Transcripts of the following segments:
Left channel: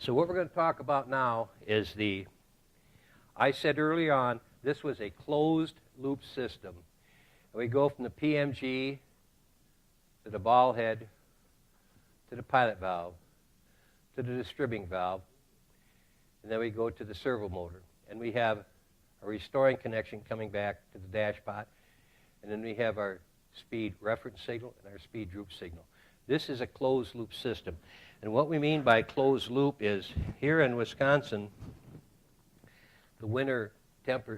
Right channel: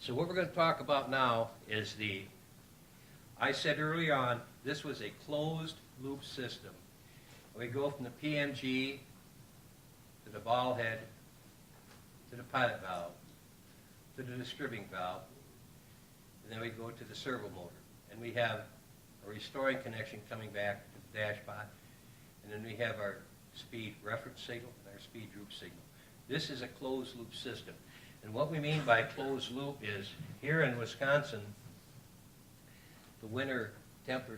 So what we're going to talk about now is I said early on, this was a closed loop system. We go from the PMG to the ball head to the pilot valve to the distributing valve, and then we go to the servo motor. And we have a restoring connection coming back to the Dashpot, and then we have our speed reference signal and our speed droop signal. This is a closed loop system. And what we mean by closed loop is, here in Wisconsin, the winter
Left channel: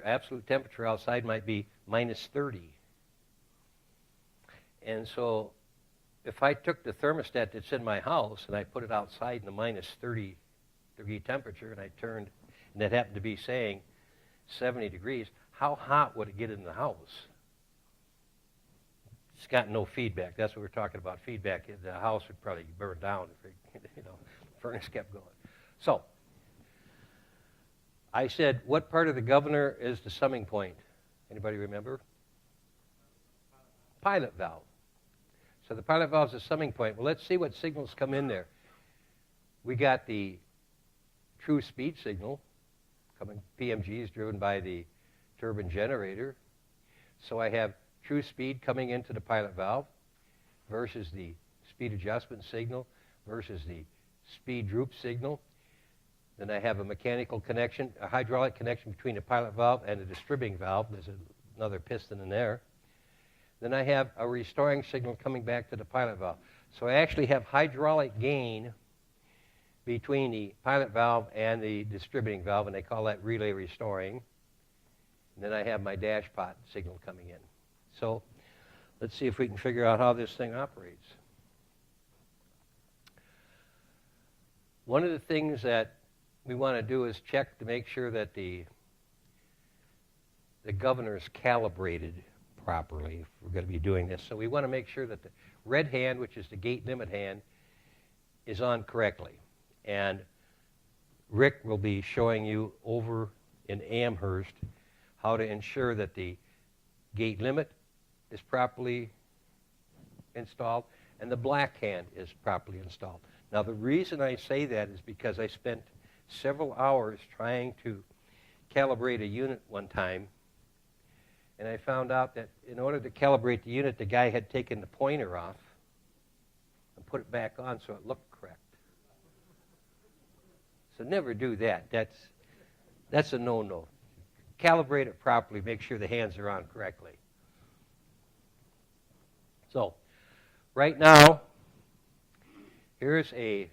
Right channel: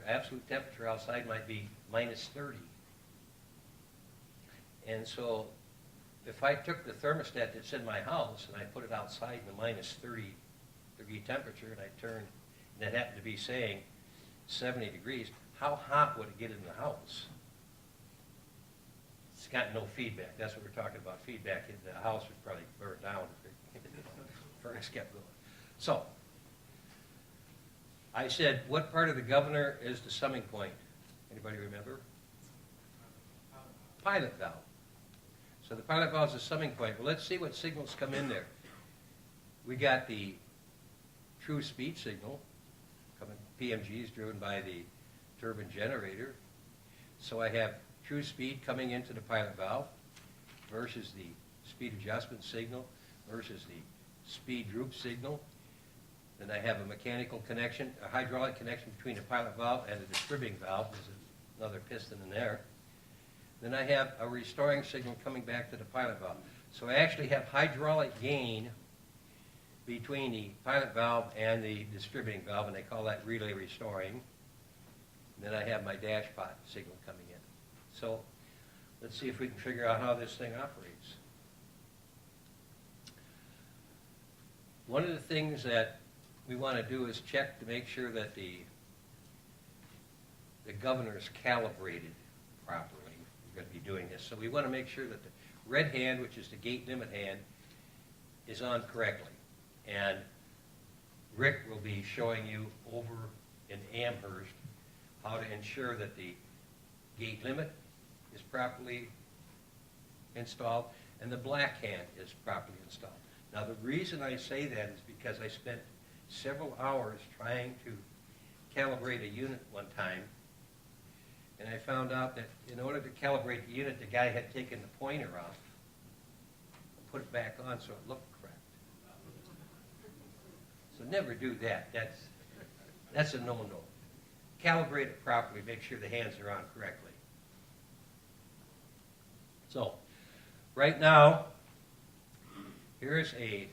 absolute temperature outside might be minus 30. And so if I took the thermostat that's in my house and I put it outside in the minus 30 degree temperature and I turned, and it happened to be saying 70 degrees, how hot would it get in the house? It's got no feedback. That's what we're talking about, feedback. The house would probably burn down if the furnace kept going. So I said, what part of the governor is the summing point? Anybody remember? Pilot valve. So the pilot valve is the summing point. Well, let's see what signals come in there. We got the true speed signal coming. PMG is driven by the turbine generator. So I have true speed coming into the pilot valve versus the speed adjustment signal versus the speed droop signal. Then I have a mechanical connection, a hydraulic connection between the pilot valve and the distributing valve. There's another piston in there. Then I have a restoring signal coming back to the pilot valve. So I actually have hydraulic gain between the pilot valve and the distributing valve, and they call that relay restoring. And then I have my Dashpot signal coming in. So let's see if we can figure out how this thing operates. One of the things that we want to do is check to make sure that the governor is calibrated properly. We're going to be doing this. So we want to make sure that the red hand, which is the gate limit hand, is on correctly. And Rick will be showing you over in Amherst how to ensure that the gate limit is properly installed and the black hand is properly installed. Now the reason I say that is because I spent several hours trying to calibrate a unit one time, and I found out that in order to calibrate the unit, the guy had taken the pointer off and put it back on so it looked correct. So never do that. That's a no-no. Calibrate it properly. Make sure the hands are on correctly. So right now, here's a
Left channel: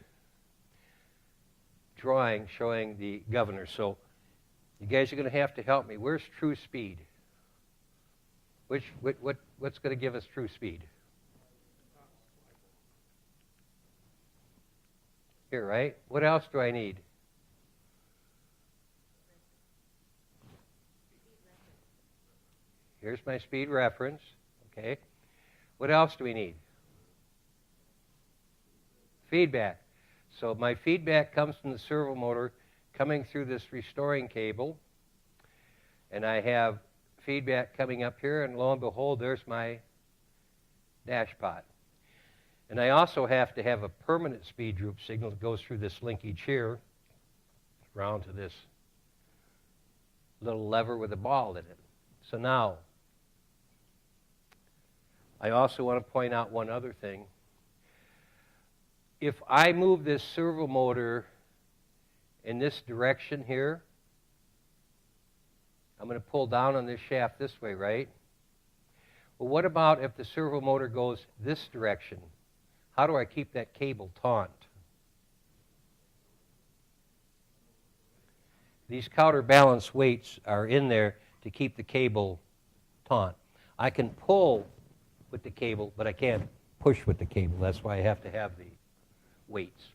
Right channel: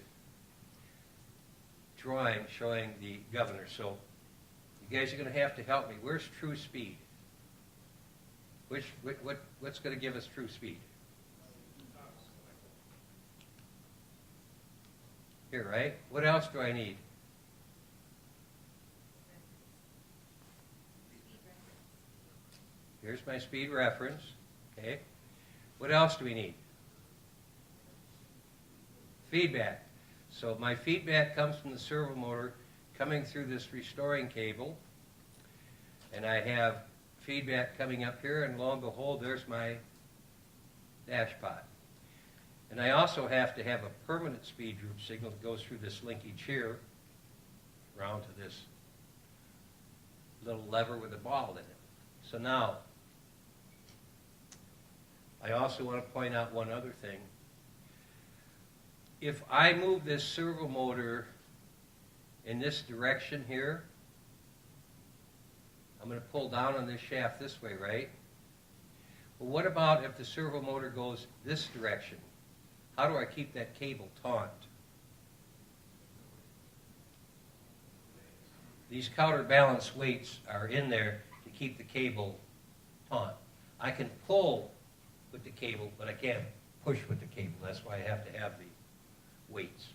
drawing showing the governor. So you guys are going to have to help me. Where's true speed? What's going to give us true speed? Here, right? What else do I need? Here's my speed reference. Okay. What else do we need? Feedback. So my feedback comes from the servo motor coming through this restoring cable, and I have feedback coming up here, and lo and behold, there's my Dashpot. And I also have to have a permanent speed droop signal that goes through this linkage here around to this little lever with a ball in it. So now, I also want to point out one other thing. If I move this servo motor in this direction here, I'm going to pull down on this shaft this way, right? Well, what about if the servo motor goes this direction? How do I keep that cable taut? These counterbalance weights are in there to keep the cable taut. I can pull with the cable, but I can't push with the cable. That's why I have to have the weights.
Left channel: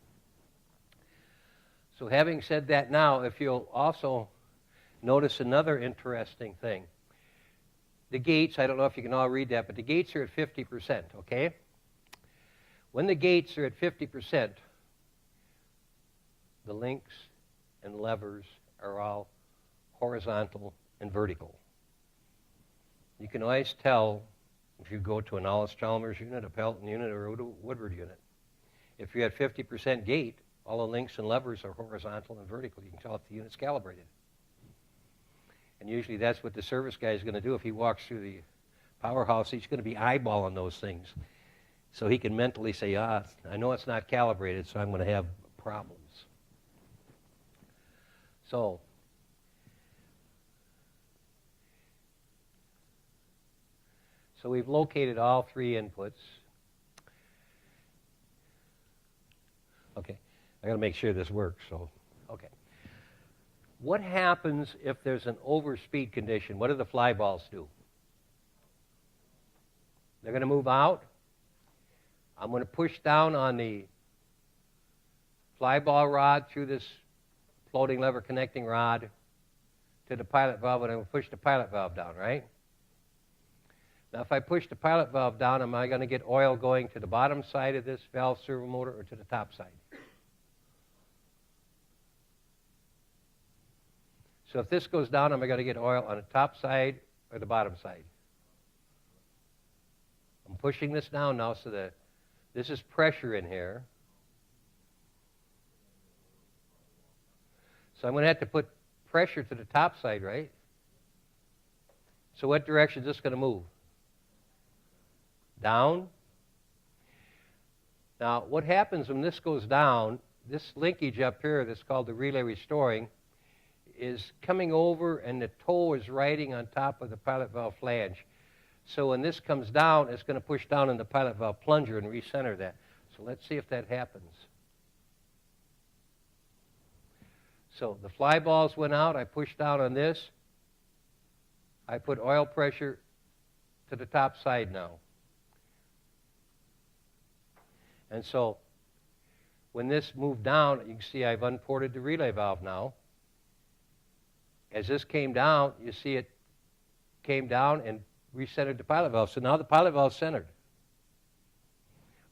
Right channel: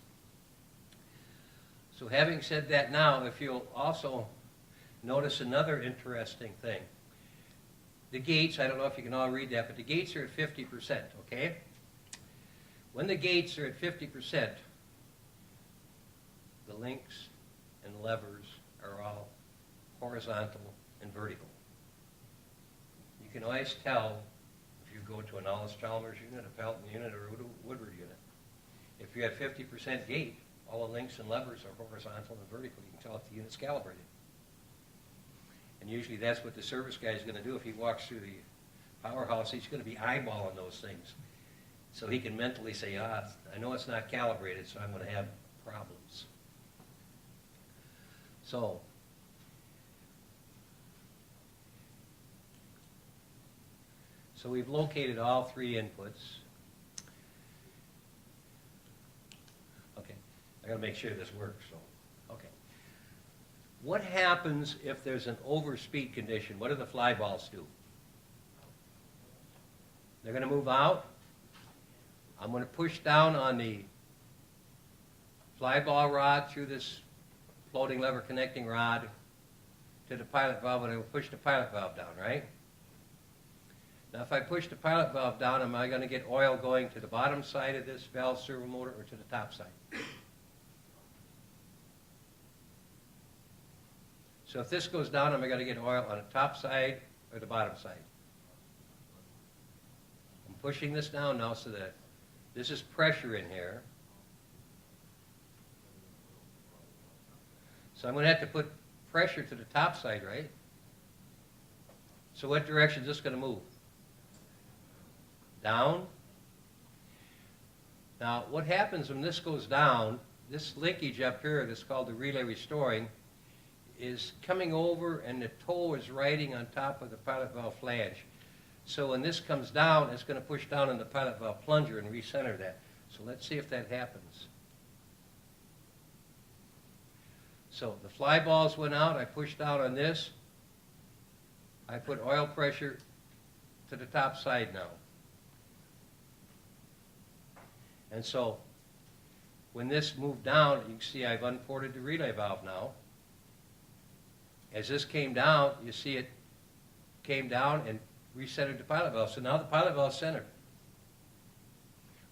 So having said that, now if you'll also notice another interesting thing. The gates, I don't know if you can all read that, but the gates are at 50%, okay? When the gates are at 50%, the links and levers are all horizontal and vertical. You can always tell if you go to an Allis-Chalmers unit, a Pelton unit, or a Woodward unit. If you have 50% gate, All the links and levers are horizontal and vertical. You can tell if the unit's calibrated. And usually that's what the service guy is going to do. If he walks through the powerhouse, he's going to be eyeballing those things. So he can mentally say, I know it's not calibrated, so I'm going to have problems. So we've located all three inputs. Okay, I got to make sure this works. So, okay. What happens if there's an overspeed condition? What do the fly balls do? They're going to move out. I'm going to push down on the fly ball rod through this floating lever connecting rod to the pilot valve, and I'm going to push the pilot valve down, right? Now, if I push the pilot valve down, am I going to get oil going to the bottom side of this valve servo motor or to the top side? So if this goes down, am I going to get oil on the top side or the bottom side? I'm pushing this down now so that this is pressure in here. So I'm going to have to put pressure to the top side, right? So what direction is this going to move? Down. Now, what happens when this goes down, this linkage up here that's called the relay restoring is coming over and the toe is riding on top of the pilot valve flange. So when this comes down, it's going to push down in the pilot valve plunger and recenter that. So let's see if that happens. So the fly balls went out. I pushed down on this. I put oil pressure to the top side now. And so when this moved down, you can see I've unported the relay valve now. As this came down, you see it came down and recentered the pilot valve. So now the pilot valve's centered.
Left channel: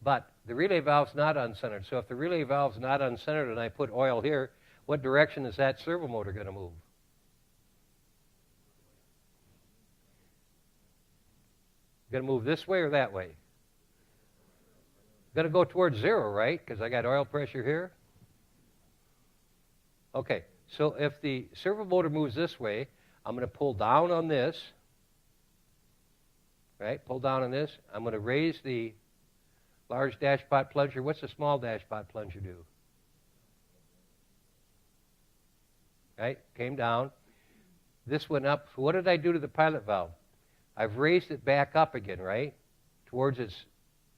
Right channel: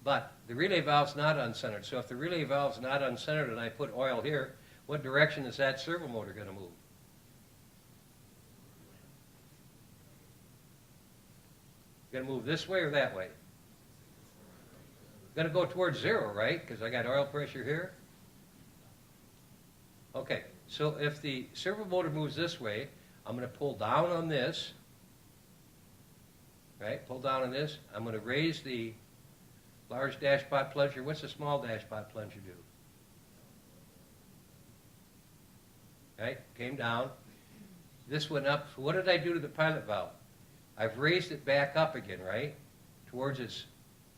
But the relay valve's not uncentered. So if the relay valve's not uncentered and I put oil here, what direction is that servo motor going to move? Going to move this way or that way? Going to go towards zero, right? Because I got oil pressure here. Okay, so if the servo motor moves this way, I'm going to pull down on this. Right, pull down on this. I'm going to raise the large dashpot plunger. What's the small dashpot plunger do? Right, came down. This went up. So what did I do to the pilot valve? I've raised it back up again, right, towards its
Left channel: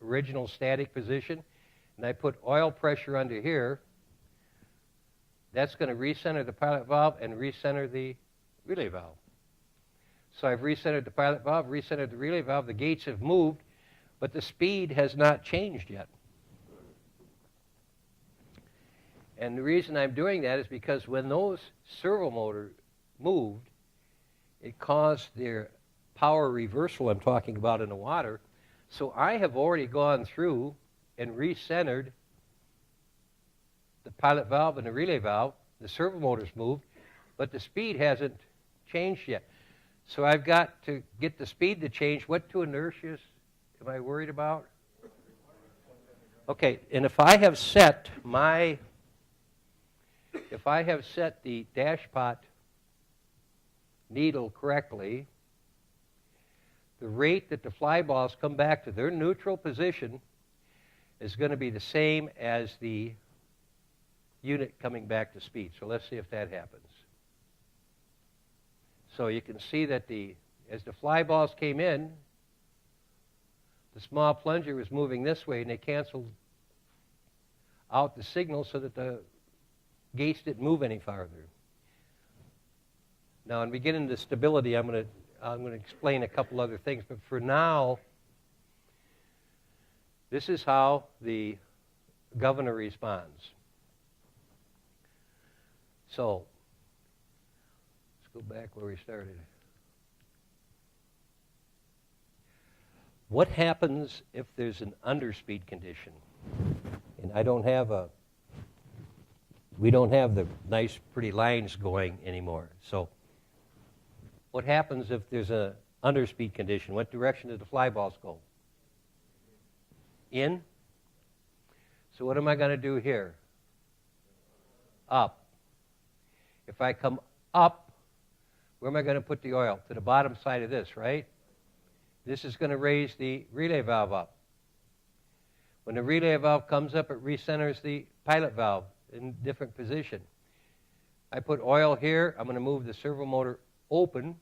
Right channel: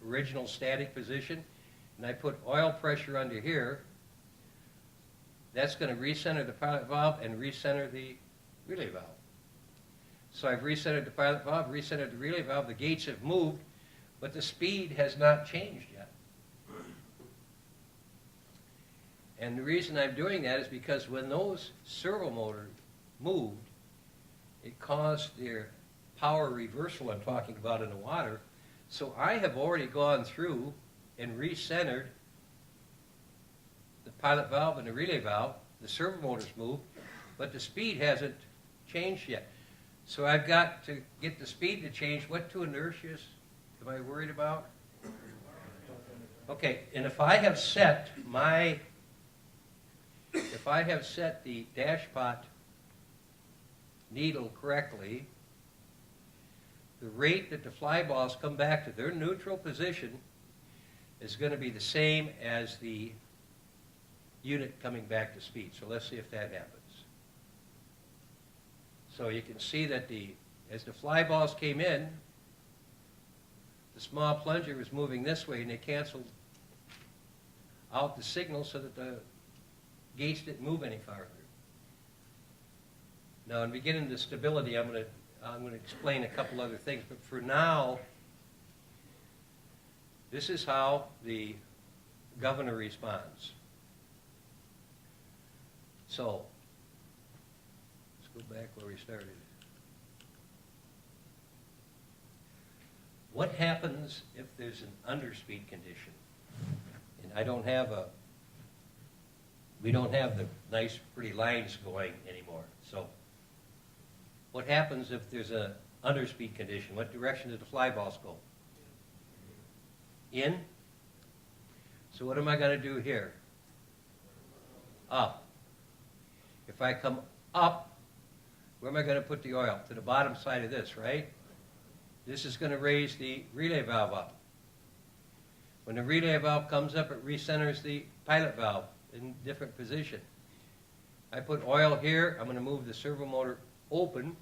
original static position. And I put oil pressure under here. That's going to recenter the pilot valve and recenter the relay valve. So I've recentered the pilot valve, recentered the relay valve. The gates have moved, but the speed has not changed yet. And the reason I'm doing that is because when those servo motors moved, it caused their power reversal I'm talking about in the water. So I have already gone through and recentered the pilot valve and the relay valve. The servo motors moved, but the speed hasn't changed yet. So I've got to get the speed to change. What two inertias am I worried about? Okay, and if I have set the dashpot needle correctly, the rate that the fly balls come back to their neutral position is going to be the same as the unit coming back to speed. So let's see if that happens. So you can see that as the fly balls came in, the small plunger was moving this way, and they canceled out the signal so that the gates didn't move any farther. Now, in beginning the stability, I'm going to explain a couple other things, but for now, this is how the governor responds. So let's go back where we started. What happens if there's an underspeed condition? And we don't have the nice pretty lines going anymore. So what happens if there's an underspeed condition? What direction do the fly balls go? In. So what am I going to do here? up. If I come up, where am I going to put the oil? To the bottom side of this, right? This is going to raise the relay valve up. When the relay valve comes up, it recenters the pilot valve in different position. I put oil here. I'm going to move the servo motor open.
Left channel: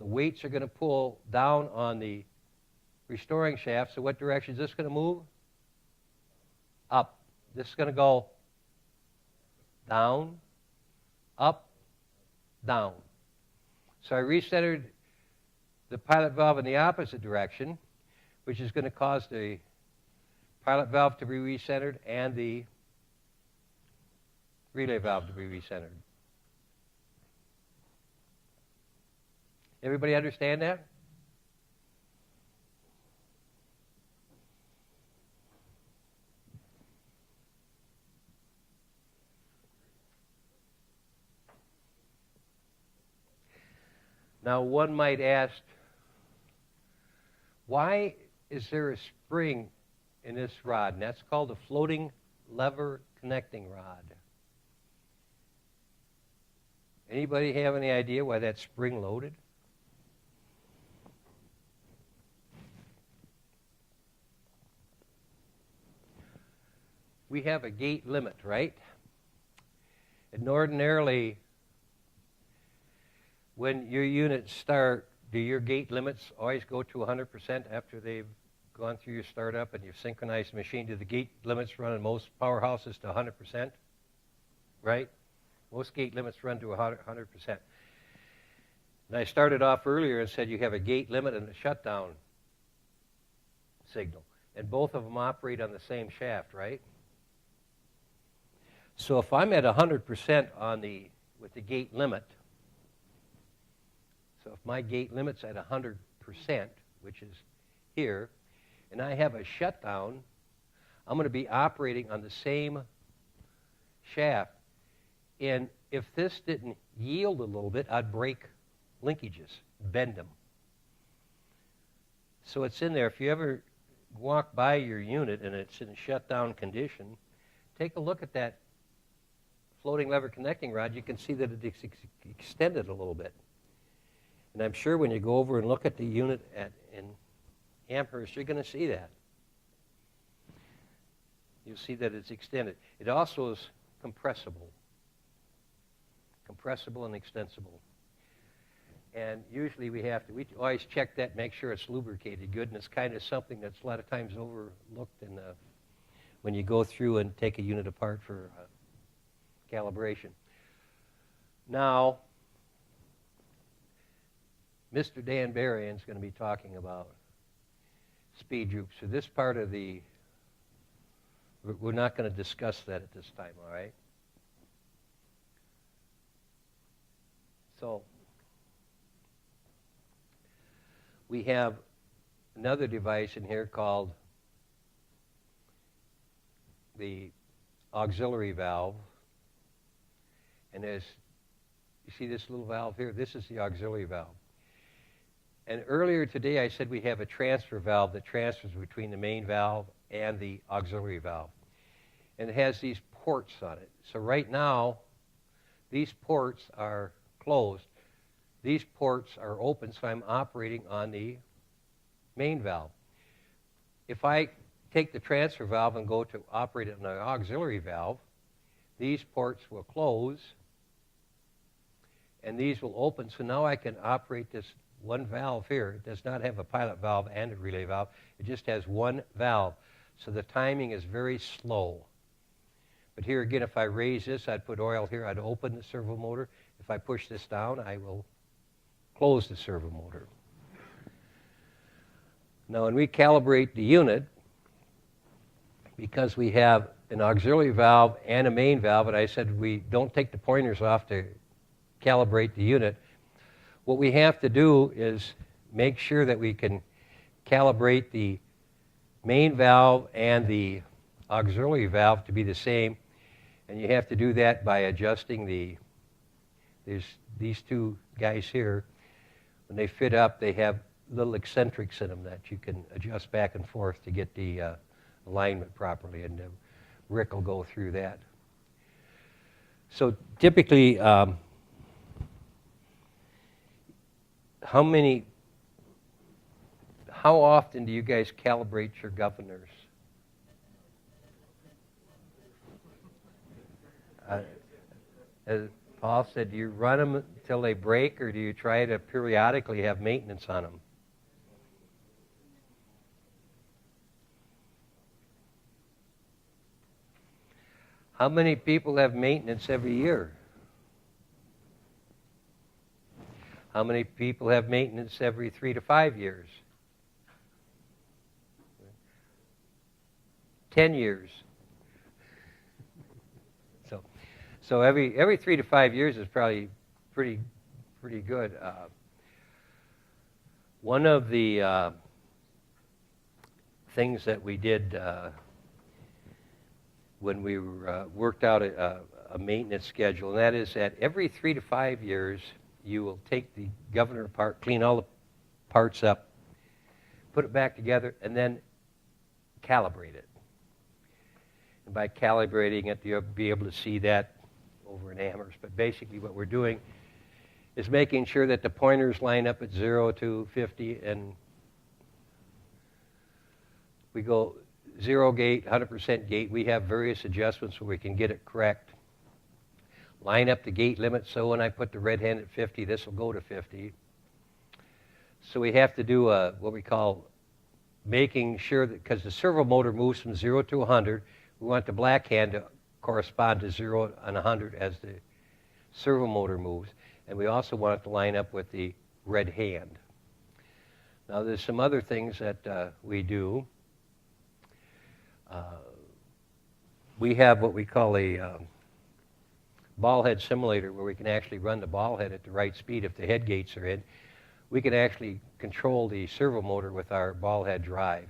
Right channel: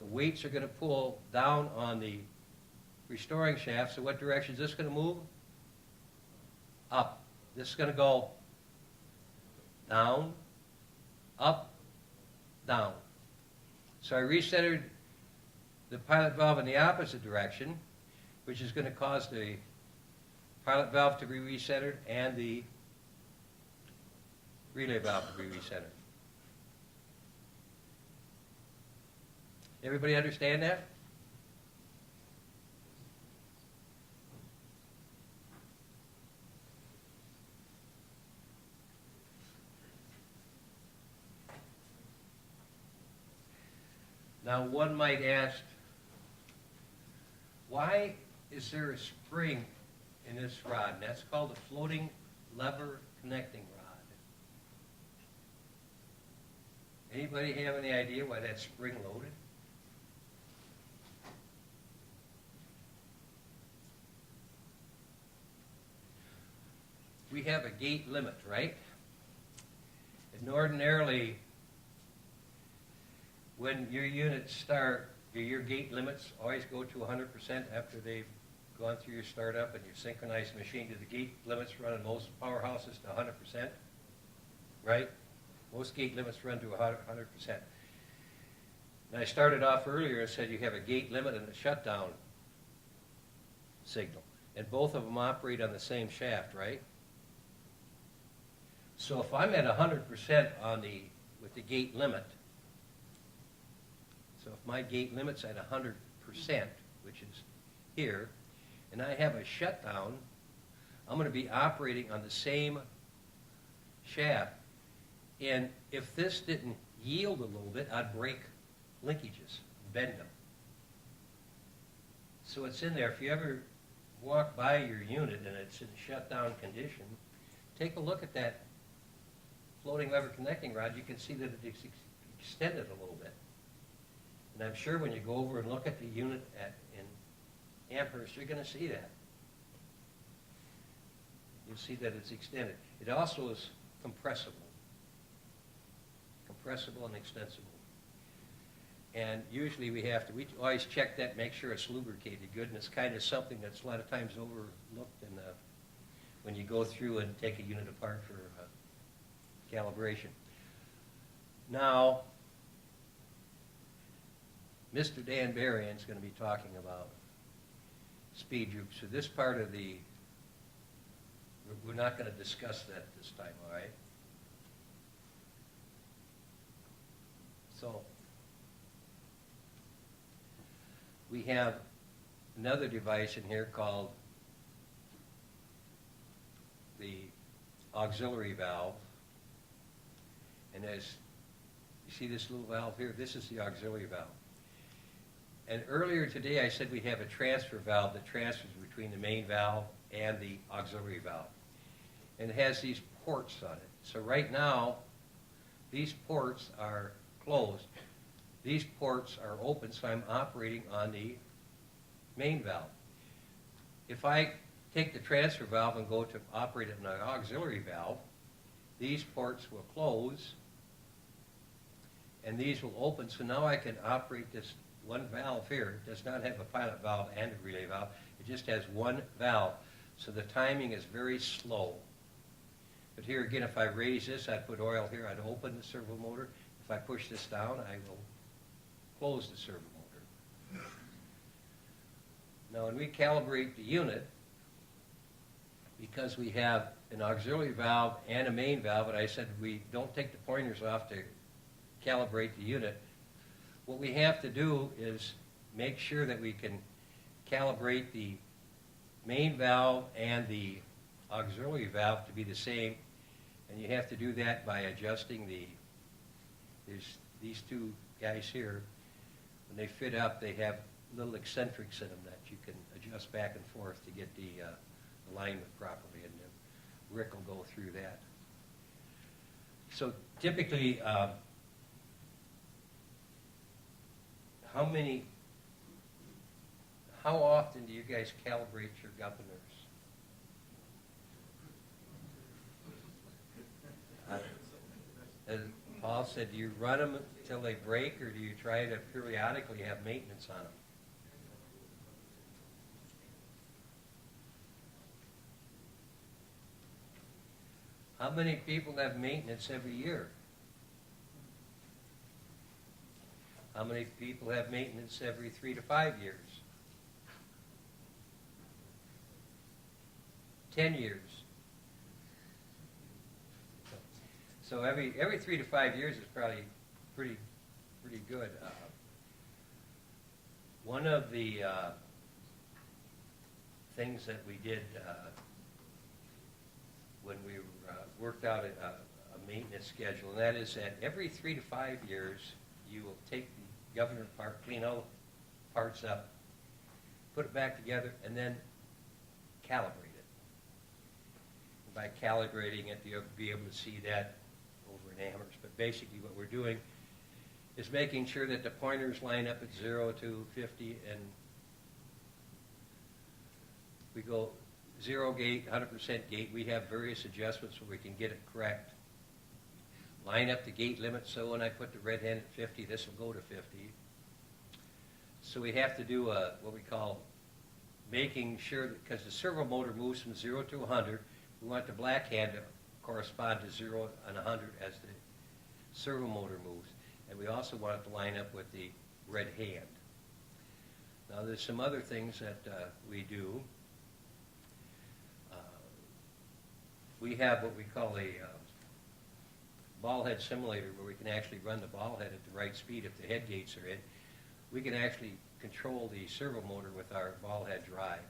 The weights are going to pull down on the restoring shaft. So what direction is this going to move? Up. This is going to go down, up, down. So I recentered the pilot valve in the opposite direction, which is going to cause the pilot valve to be recentered and the relay valve to be recentered. Everybody understand that? Now, one might ask, why is there a spring in this rod? And that's called a floating lever connecting rod. Anybody have any idea why that's spring loaded? We have a gate limit, right? And ordinarily, when your units start, do your gate limits always go to 100% after they've gone through your startup and you've synchronized the machine? Do the gate limits run in most powerhouses to 100%? Right? Most gate limits run to 100%. And I started off earlier and said you have a gate limit and a shutdown signal. And both of them operate on the same shaft, right? So if I'm at 100% with the gate limit, so if my gate limit's at 100%, which is here, and I have a shutdown, I'm going to be operating on the same shaft. And if this didn't yield a little bit, I'd break linkages, bend them. So it's in there. If you ever walk by your unit and it's in a shutdown condition, take a look at that floating lever connecting rod. You can see that it's extended a little bit. And I'm sure when you go over and look at the unit in Amherst, you're going to see that. You'll see that it's extended. It also is compressible. Compressible and extensible. And usually we always check that, make sure it's lubricated good, and it's kind of something that's a lot of times overlooked when you go through and take a unit apart for calibration. Now, Mr. Dan Berrien is going to be talking about speed droops. So this part of we're not going to discuss that at this time, all right? So we have another device in here called the auxiliary valve. And as you see this little valve here, this is the auxiliary valve. And earlier today I said we have a transfer valve that transfers between the main valve and the auxiliary valve. And it has these ports on it. So right now, these ports are closed. These ports are open, so I'm operating on the main valve. If I take the transfer valve and go to operate it on an auxiliary valve, these ports will close, and these will open. So now I can operate this one valve here. It does not have a pilot valve and a relay valve. It just has one valve. So the timing is very slow. But here again, if I raise this, I'd put oil here, I'd open the servo motor. If I push this down, I will close the servo motor. Now when we calibrate the unit, because we have an auxiliary valve and a main valve, and I said we don't take the pointers off to calibrate the unit, what we have to do is make sure that we can calibrate the main valve and the auxiliary valve to be the same. And you have to do that by adjusting there's these two guys here. When they fit up, they have little eccentrics in them that you can adjust back and forth to get the alignment properly. And Rick will go through that. So typically, how often do you guys calibrate your governors? As Paul said, do you run them until they break, or do you try to periodically have maintenance on them? How many people have maintenance every year? How many people have maintenance every 3 to 5 years? 10 years. So every 3 to 5 years is probably pretty good. One of the things that we did when we worked out a maintenance schedule, and that is that every 3 to 5 years you will take the governor apart, clean all the parts up, put it back together, and then calibrate it. And by calibrating it, you'll be able to see that over in Amherst. But basically what we're doing is making sure that the pointers line up at 0 to 50, and we go 0 gate, 100% gate. We have various adjustments where we can get it correct. Line up the gate limit, so when I put the red hand at 50, this will go to 50. So we have to do what we call making sure that, because the servo motor moves from 0 to 100, we want the black hand to correspond to 0 and 100 as the servo motor moves. And we also want it to line up with the red hand. Now there's some other things that we do. We have what we call a ball head simulator, where we can actually run the ball head at the right speed if the head gates are in. We can actually control the servo motor with our ball head drive.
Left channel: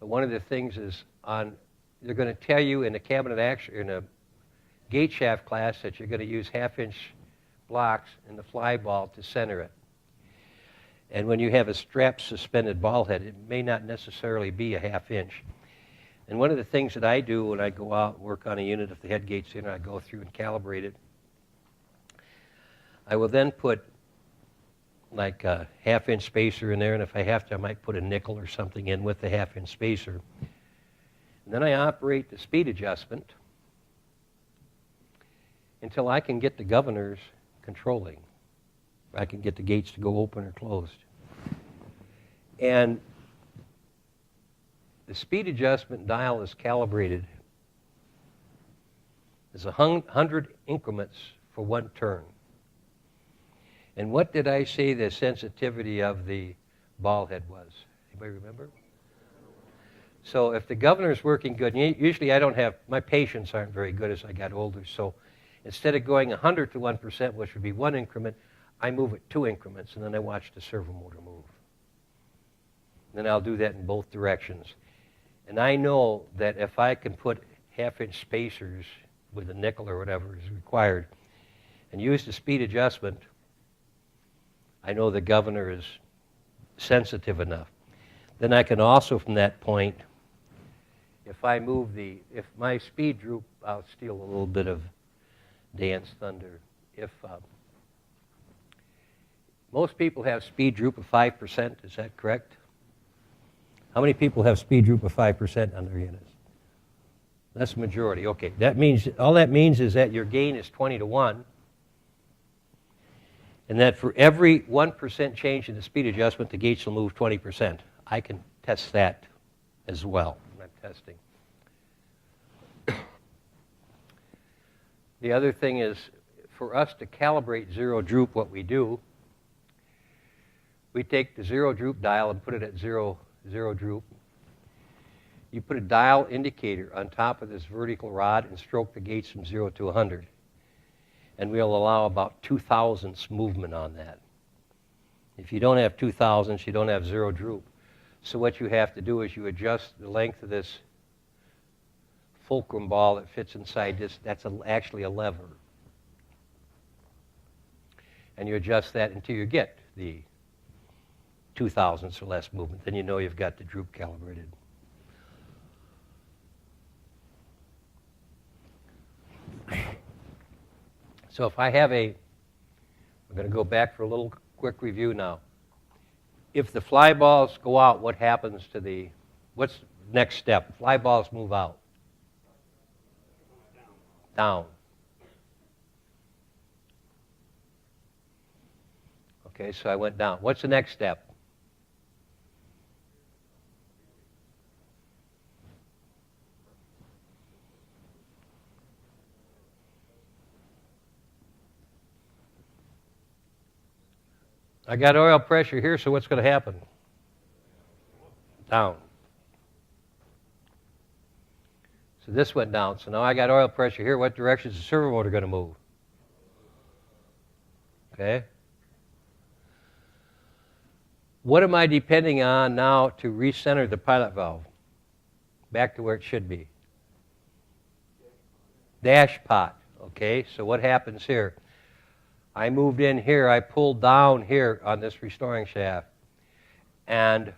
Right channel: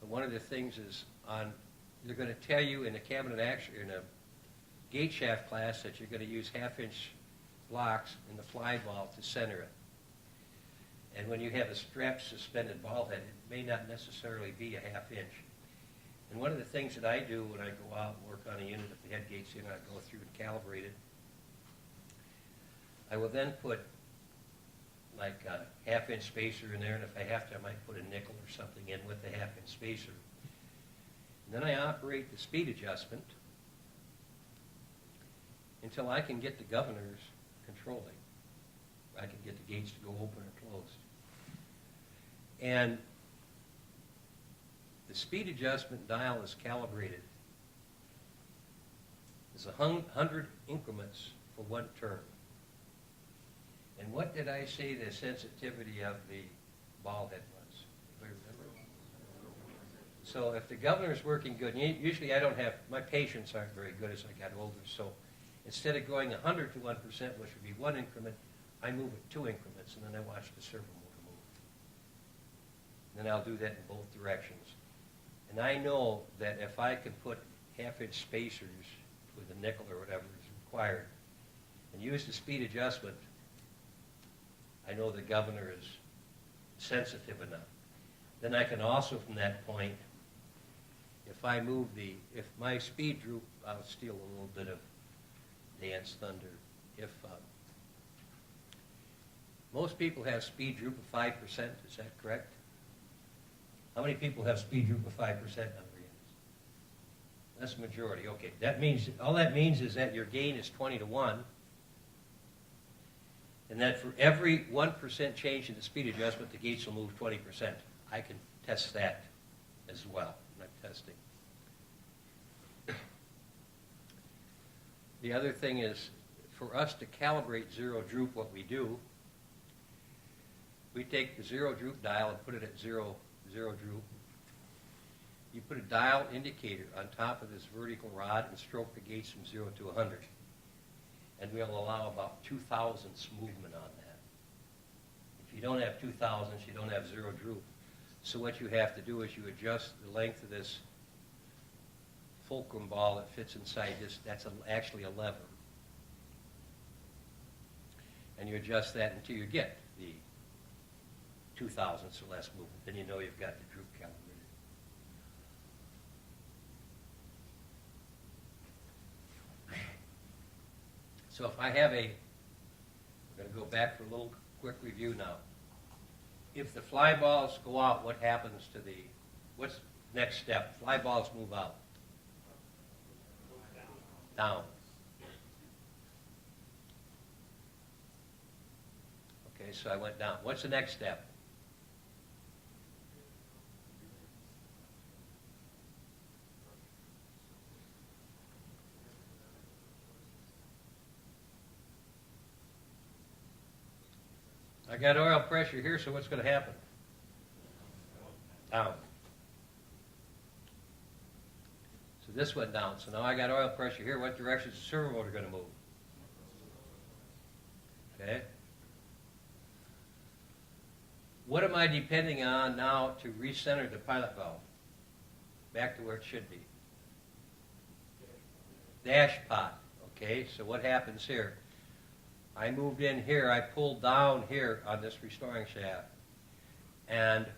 But one of the things is they're going to tell you in the cabinet action, in a gate shaft class, that you're going to use 1/2-inch blocks in the fly ball to center it. And when you have a strap suspended ball head, it may not necessarily be a 1/2 inch. And one of the things that I do when I go out and work on a unit, if the head gate's in, I go through and calibrate it. I will then put like a 1/2-inch spacer in there, and if I have to, I might put a nickel or something in with the 1/2-inch spacer. And then I operate the speed adjustment until I can get the governors controlling. I can get the gates to go open or closed. And the speed adjustment dial is calibrated as 100 increments for 1 turn. And what did I say the sensitivity of the ball head was? Anybody remember? So if the governor's working good, and usually I don't have, my patience aren't very good as I got older, so instead of going 100 to 1%, which would be 1 increment, I move it 2 increments, and then I watch the servo motor move. And then I'll do that in both directions. And I know that if I can put 1/2-inch spacers with a nickel or whatever is required and use the speed adjustment, I know the governor is sensitive enough. Then I can also, from that point, if my speed droop, I'll steal a little bit of Dan's thunder. If most people have speed droop of 5%, is that correct? How many people have speed droop of 5% on their units? That's the majority. Okay, all that means is that your gain is 20 to 1, and that for every 1% change in the speed adjustment, the gates will move 20%. I can test that as well when I'm testing. The other thing is, for us to calibrate zero droop, what we do, we take the zero droop dial and put it at zero droop. You put a dial indicator on top of this vertical rod and stroke the gates from 0 to 100. And we'll allow about 2,000ths movement on that. If you don't have 2,000ths, you don't have zero droop. So what you have to do is you adjust the length of this fulcrum ball that fits inside this. That's actually a lever. And you adjust that until you get the 2,000ths or less movement. Then you know you've got the droop calibrated. So if I have I'm going to go back for a little quick review now. If the fly balls go out, what happens to what's the next step? Fly balls move out. Down. Okay, so I went down. What's the next step? I got oil pressure here, so what's going to happen? Down. So this went down. So now I got oil pressure here. What direction is the servo motor going to move? Okay. What am I depending on now to recenter the pilot valve back to where it should be? Dashpot. Okay, so what happens here? I moved in here, I pulled down here on this restoring shaft, and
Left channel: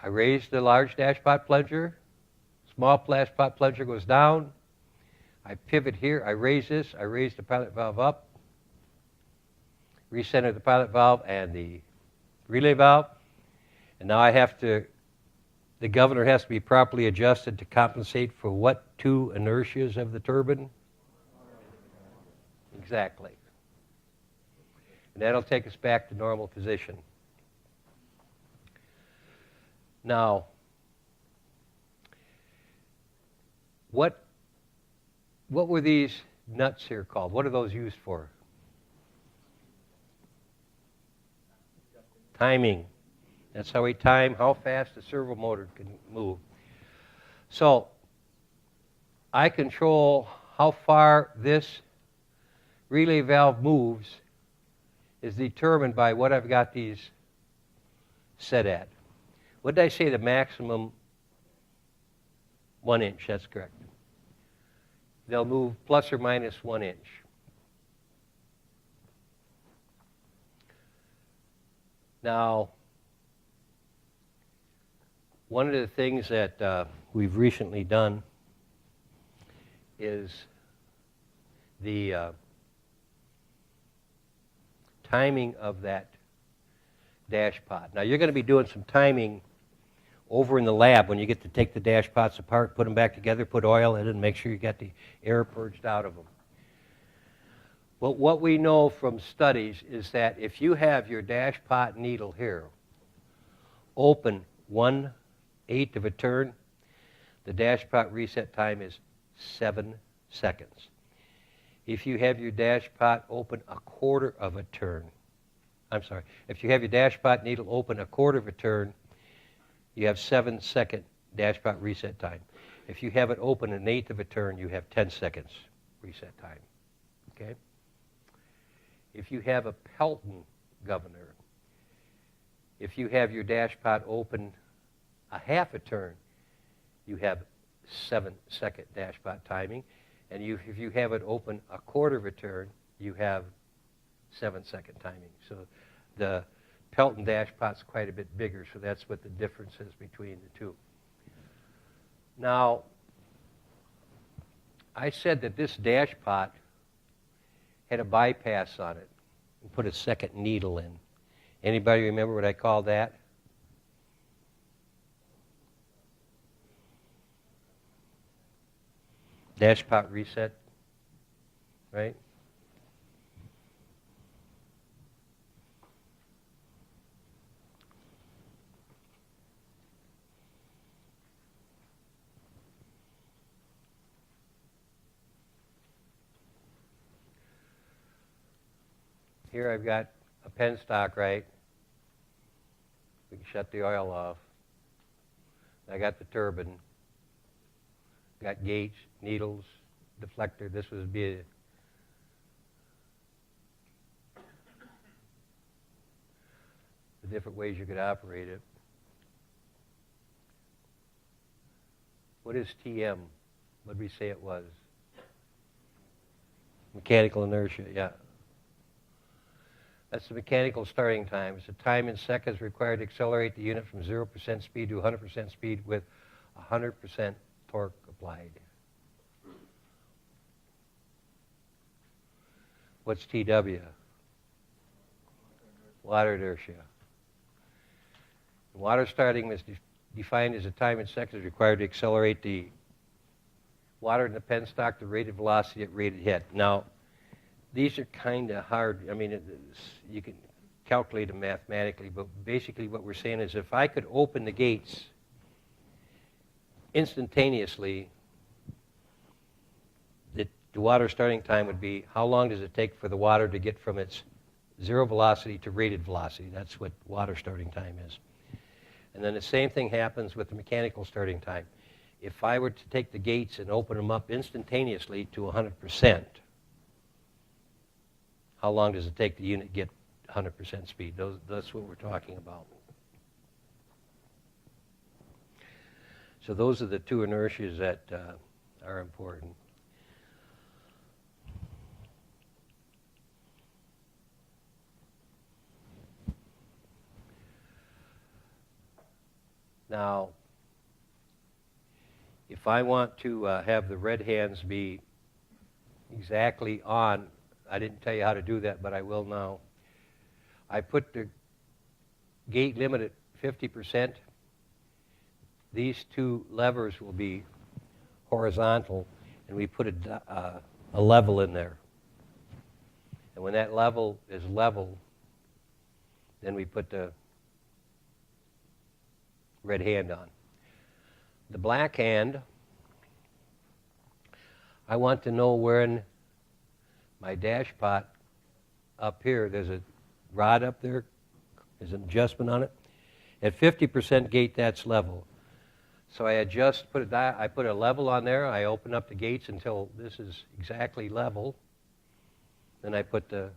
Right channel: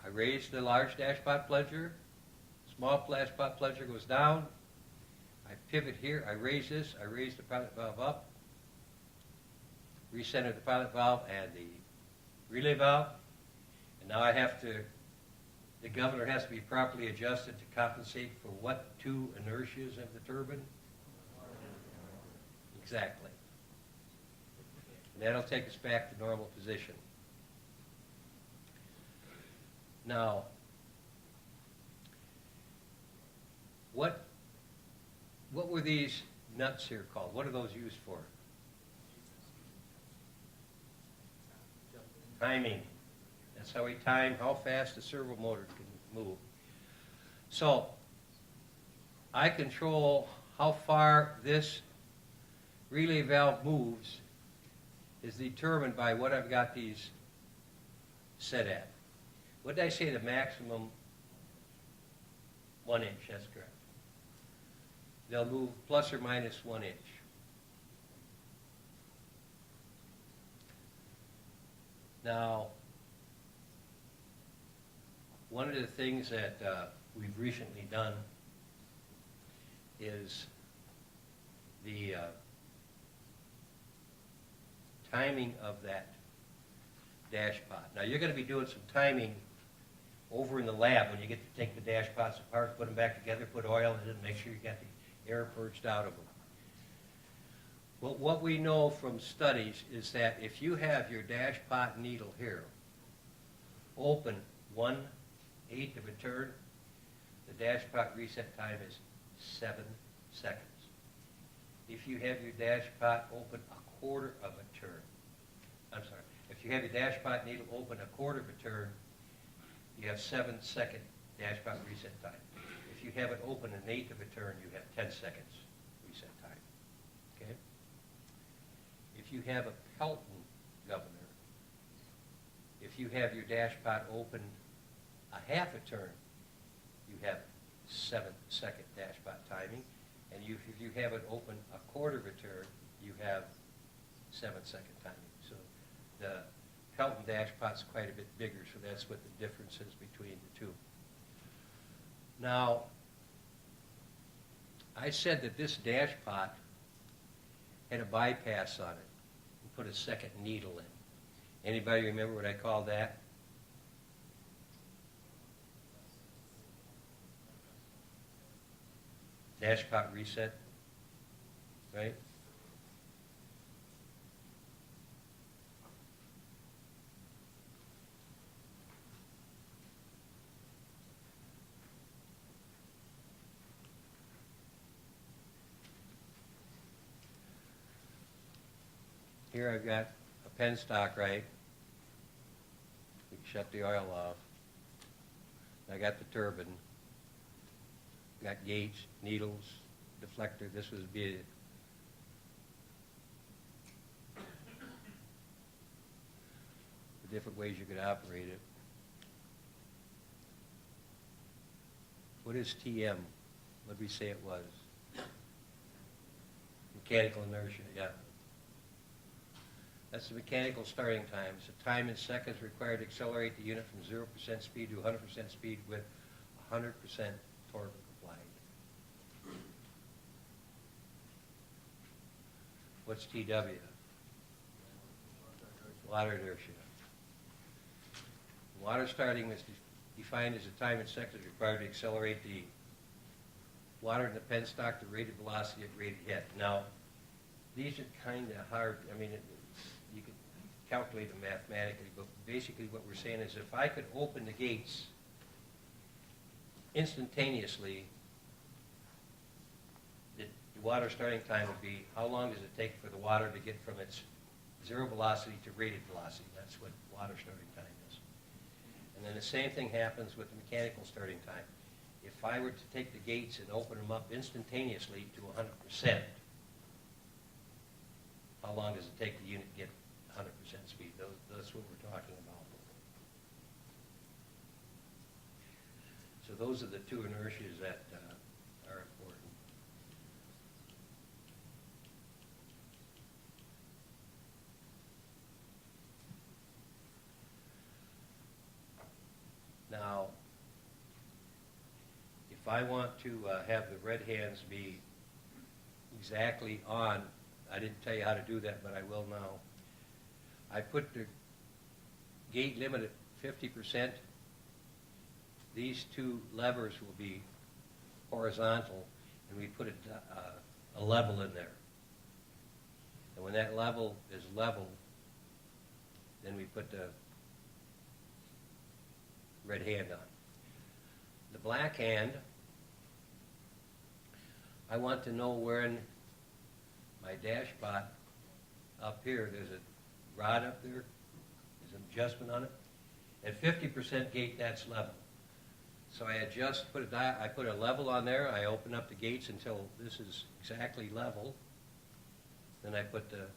I raised the large dashpot plunger, small dashpot plunger goes down, I pivot here, I raise this, I raise the pilot valve up, recenter the pilot valve and the relay valve, and now the governor has to be properly adjusted to compensate for what two inertias of the turbine? Exactly. And that'll take us back to normal position. Now, what were these nuts here called? What are those used for? Timing. That's how we time how fast the servo motor can move. So, I control how far this relay valve moves is determined by what I've got these set at. What did I say, the maximum 1 inch? That's correct. They'll move plus or minus 1 inch. Now, one of the things that we've recently done is the timing of that dashpot. Now, you're going to be doing some timing over in the lab when you get to take the dashpots apart, put them back together, put oil in it, and make sure you got the air purged out of them. But what we know from studies is that if you have your dashpot needle here open 1/8 of a turn, the dashpot reset time is 7 seconds. If you have your dashpot open 1/4 of a turn, if you have your dashpot needle open 1/4 of a turn, you have 7-second dashpot reset time. If you have it open 1/8 of a turn, you have 10 seconds reset time. Okay? If you have a Pelton governor, if you have your dashpot open 1/2 a turn, you have 7-second dashpot timing. And if you have it open 1/4 of a turn, you have 7-second timing. So the Pelton dashpot's quite a bit bigger, so that's what the difference is between the two. Now, I said that this dashpot had a bypass on it and put a second needle in. Anybody remember what I called that? Dashpot reset, right? Here I've got a penstock, right? We can shut the oil off. I got the turbine. Got gates, needles, deflector. This would be the different ways you could operate it. What is TM? What did we say it was? Mechanical inertia, yeah. That's the mechanical starting time. It's the time in seconds required to accelerate the unit from 0% speed to 100% speed with 100% torque applied. What's TW? Water inertia. Water starting is defined as a time in seconds required to accelerate the water in the penstock to rated velocity at rated head. Now, these are kind of hard. I mean, you can calculate them mathematically, but basically what we're saying is if I could open the gates instantaneously, the water starting time would be how long does it take for the water to get from its zero velocity to rated velocity. That's what water starting time is. And then the same thing happens with the mechanical starting time. If I were to take the gates and open them up instantaneously to 100%, how long does it take the unit to get 100% speed? That's what we're talking about. So those are the two inertias that are important. Now, if I want to have the red hands be exactly on, I didn't tell you how to do that, but I will now. I put the gate limit at 50%. These two levers will be horizontal, and we put a level in there. And when that level is level, then we put the red hand on. The black hand, I want to know when my Dashpot up here, there's a rod up there, there's an adjustment on it. At 50% gate, that's level. So I adjust, I put a level on there, I open up the gates until this is exactly level, then I put the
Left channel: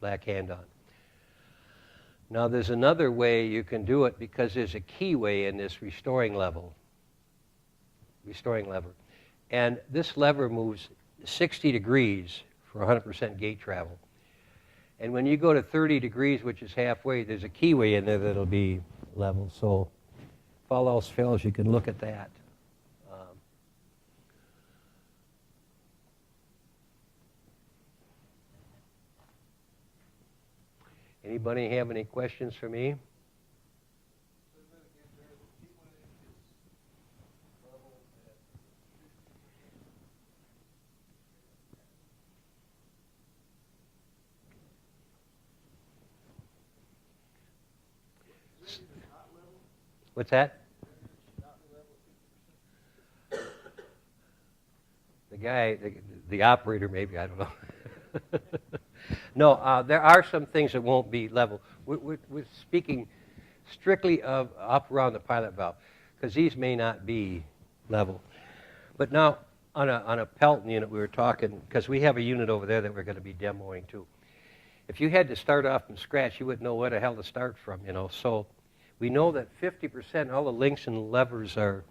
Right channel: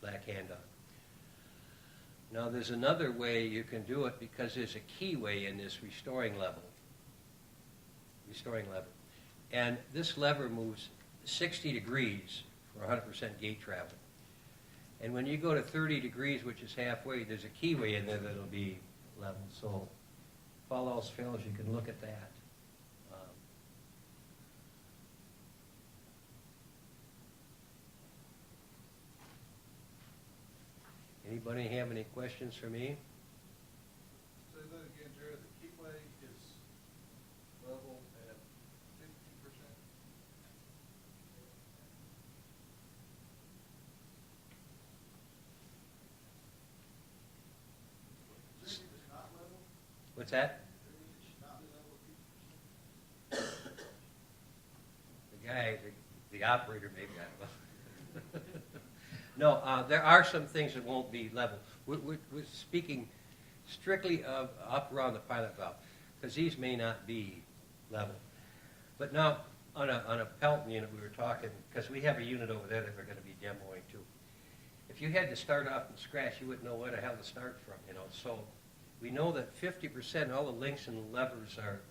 black hand on. Now there's another way you can do it because there's a keyway in this restoring lever. And this lever moves 60 degrees for 100% gate travel. And when you go to 30 degrees, which is halfway, there's a keyway in there that'll be level. So if all else fails, you can look at that. Anybody have any questions for me? Say that again, Jared. The keyway is level at 50%. Is that even not level? What's that? Not level at 50%? The guy, the operator maybe, I don't know. No, there are some things that won't be level. We're speaking strictly of up around the pilot valve, because these may not be level. But now, on a Pelton unit, we were talking, because we have a unit over there that we're going to be demoing too. If you had to start off from scratch, you wouldn't know where the hell to start from, you know. So we know that 50%, all the links and levers are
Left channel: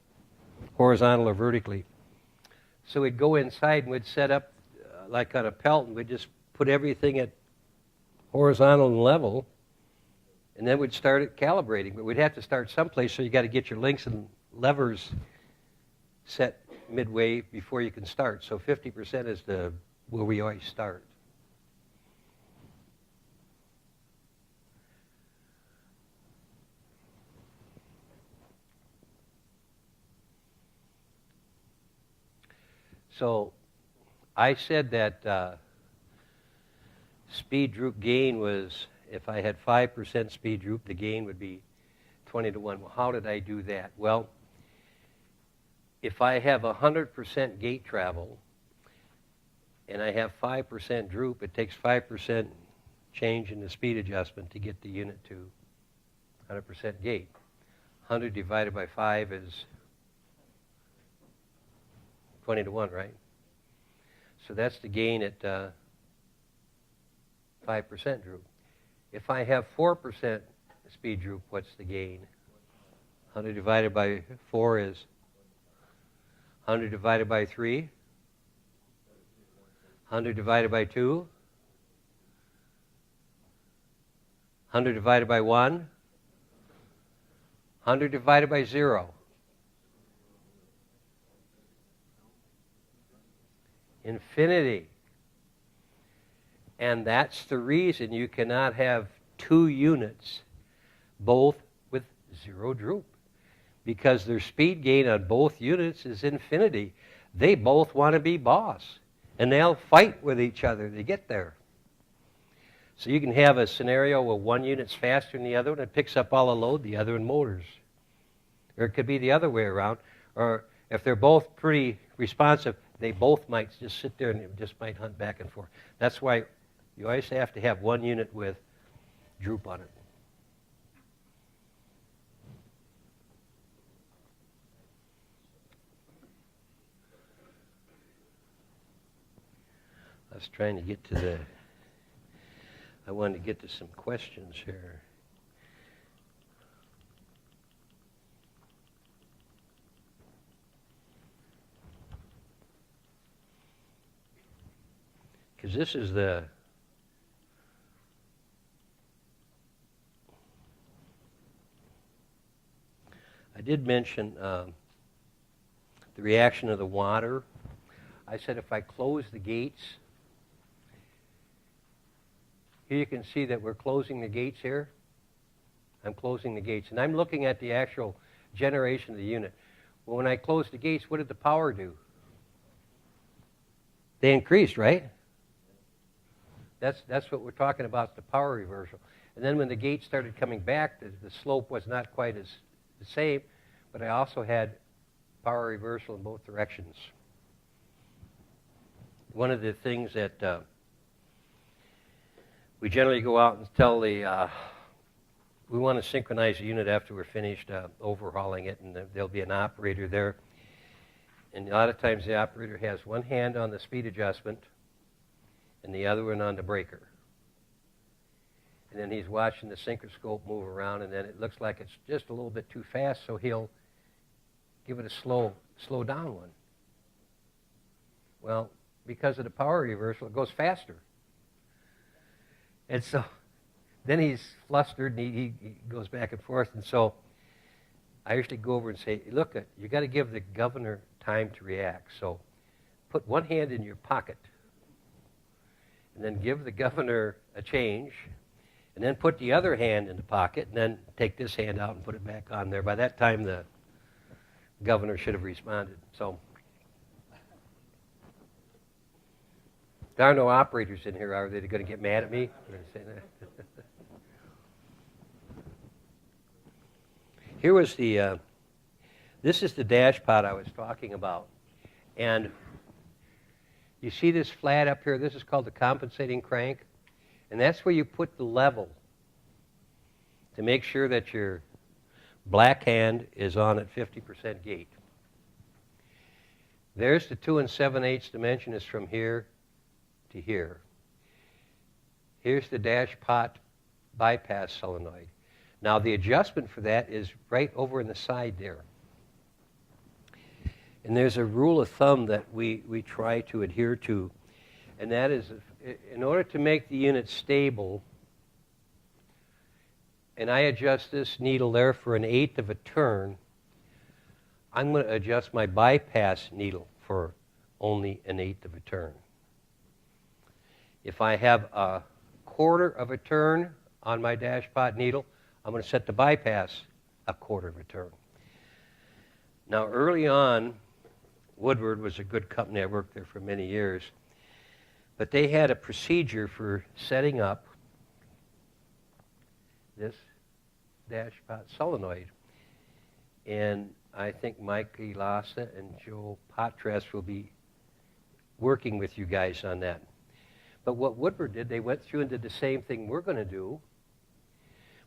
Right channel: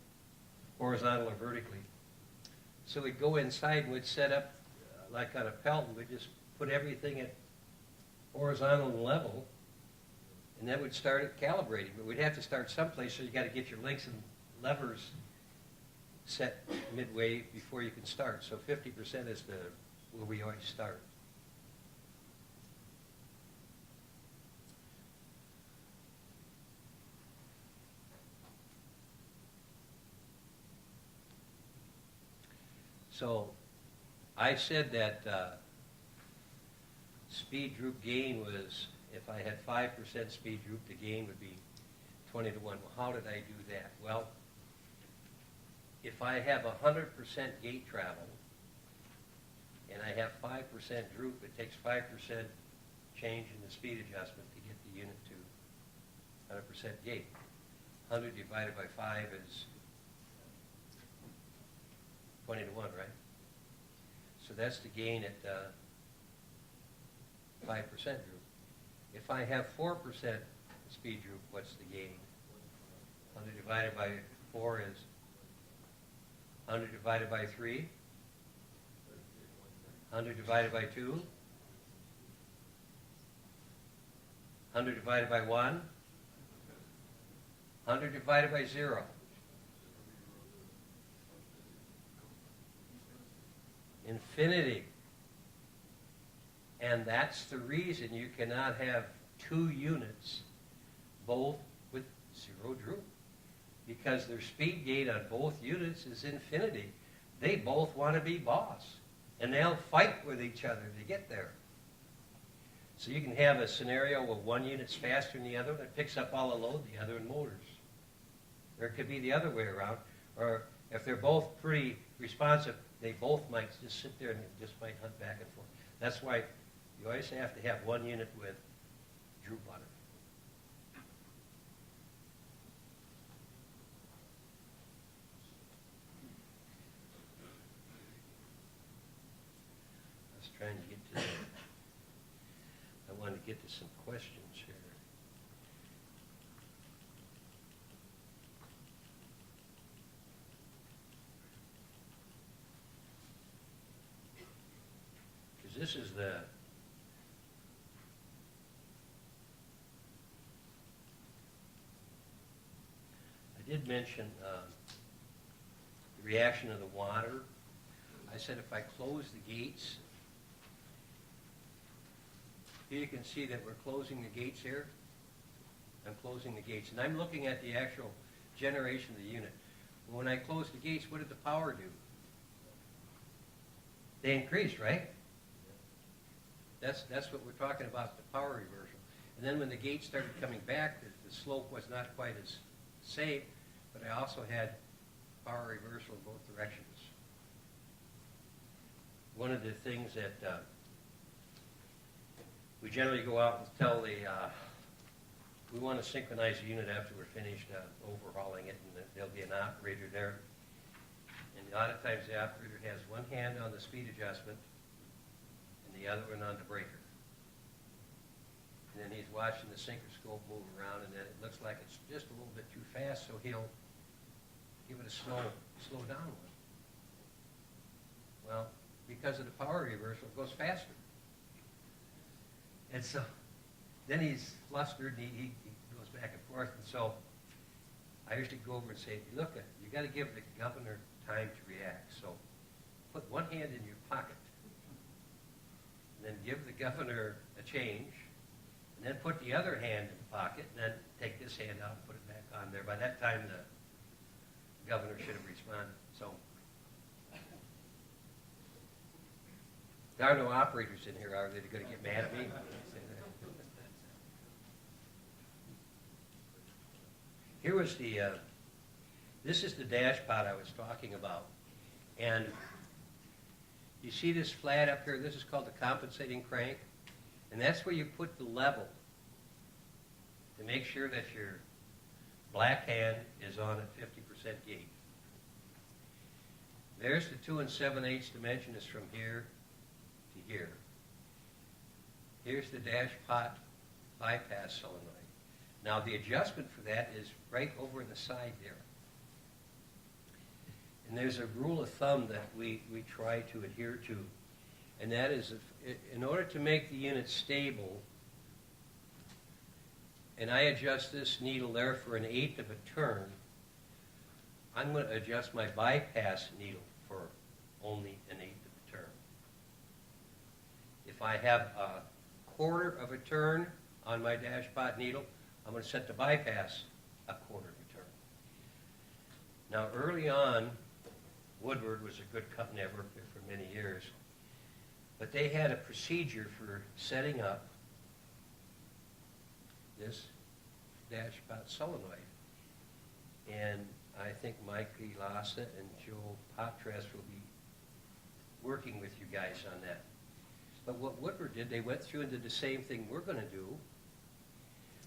horizontal or vertically. So we'd go inside and we'd set up, like on a Pelton, we'd just put everything at horizontal and level, and then we'd start at calibrating. But we'd have to start someplace, so you got to get your links and levers set midway before you can start. So 50% is where we always start. So I said that speed droop gain was, if I had 5% speed droop, the gain would be 20 to 1. Well, how did I do that? Well, if I have 100% gate travel and I have 5% droop, it takes 5% change in the speed adjustment to get the unit to 100% gate. 100 divided by 5 is 20 to 1, right? So that's the gain at 5% droop. If I have 4% speed droop, what's the gain? 100 divided by 4 is 100 divided by 3, 100 divided by 2, 100 divided by 1, 100 divided by 0. Infinity. And that's the reason you cannot have two units, both with zero droop, because their speed gain on both units is infinity. They both want to be boss, and they'll fight with each other to get there. So you can have a scenario where one unit's faster than the other one, it picks up all the load, the other one motors. Or it could be the other way around. Or if they're both pretty responsive, they both might just sit there and just might hunt back and forth. That's why you always have to have one unit with droop on it. I was trying to get to the... I wanted to get to some questions here. Because this is the... I did mention the reaction of the water. I said if I close the gates, here you can see that we're closing the gates here. I'm closing the gates. And I'm looking at the actual generation of the unit. Well, when I closed the gates, what did the power do? They increased, right? That's what we're talking about, the power reversal. And then when the gates started coming back, the slope was not quite as the same, but I also had power reversal in both directions. One of the things that we generally go out and tell the, we want to synchronize the unit after we're finished overhauling it, and there'll be an operator there. And a lot of times the operator has one hand on the speed adjustment and the other one on the breaker. And then he's watching the synchroscope move around, and then it looks like it's just a little bit too fast, so he'll give it a slow down one. Well, because of the power reversal, it goes faster. And so then he's flustered, and he goes back and forth. And so I usually go over and say, look, you got to give the governor time to react. So put one hand in your pocket, and then give the governor a change, and then put the other hand in the pocket, and then take this hand out and put it back on there. By that time, the governor should have responded. So there are no operators in here, are they? They're going to get mad at me? Here was the, this is the Dashpot I was talking about. And you see this flat up here? This is called the compensating crank. And that's where you put the level to make sure that your black hand is on at 50% gait. There's the 2 7/8 dimension is from here to here. Here's the Dashpot bypass solenoid. Now the adjustment for that is right over in the side there. And there's a rule of thumb that we try to adhere to, and that is in order to make the unit stable, and I adjust this needle there for 1/8 of a turn, I'm going to adjust my bypass needle for only 1/8 of a turn. If I have 1/4 of a turn on my Dashpot needle, I'm going to set the bypass 1/4 of a turn. Now early on, Woodward was a good company. I worked there for many years. But they had a procedure for setting up this Dashpot solenoid. And I think Mike Lassa and Joe Potres will be working with you guys on that. But what Woodward did, they went through and did the same thing we're going to do.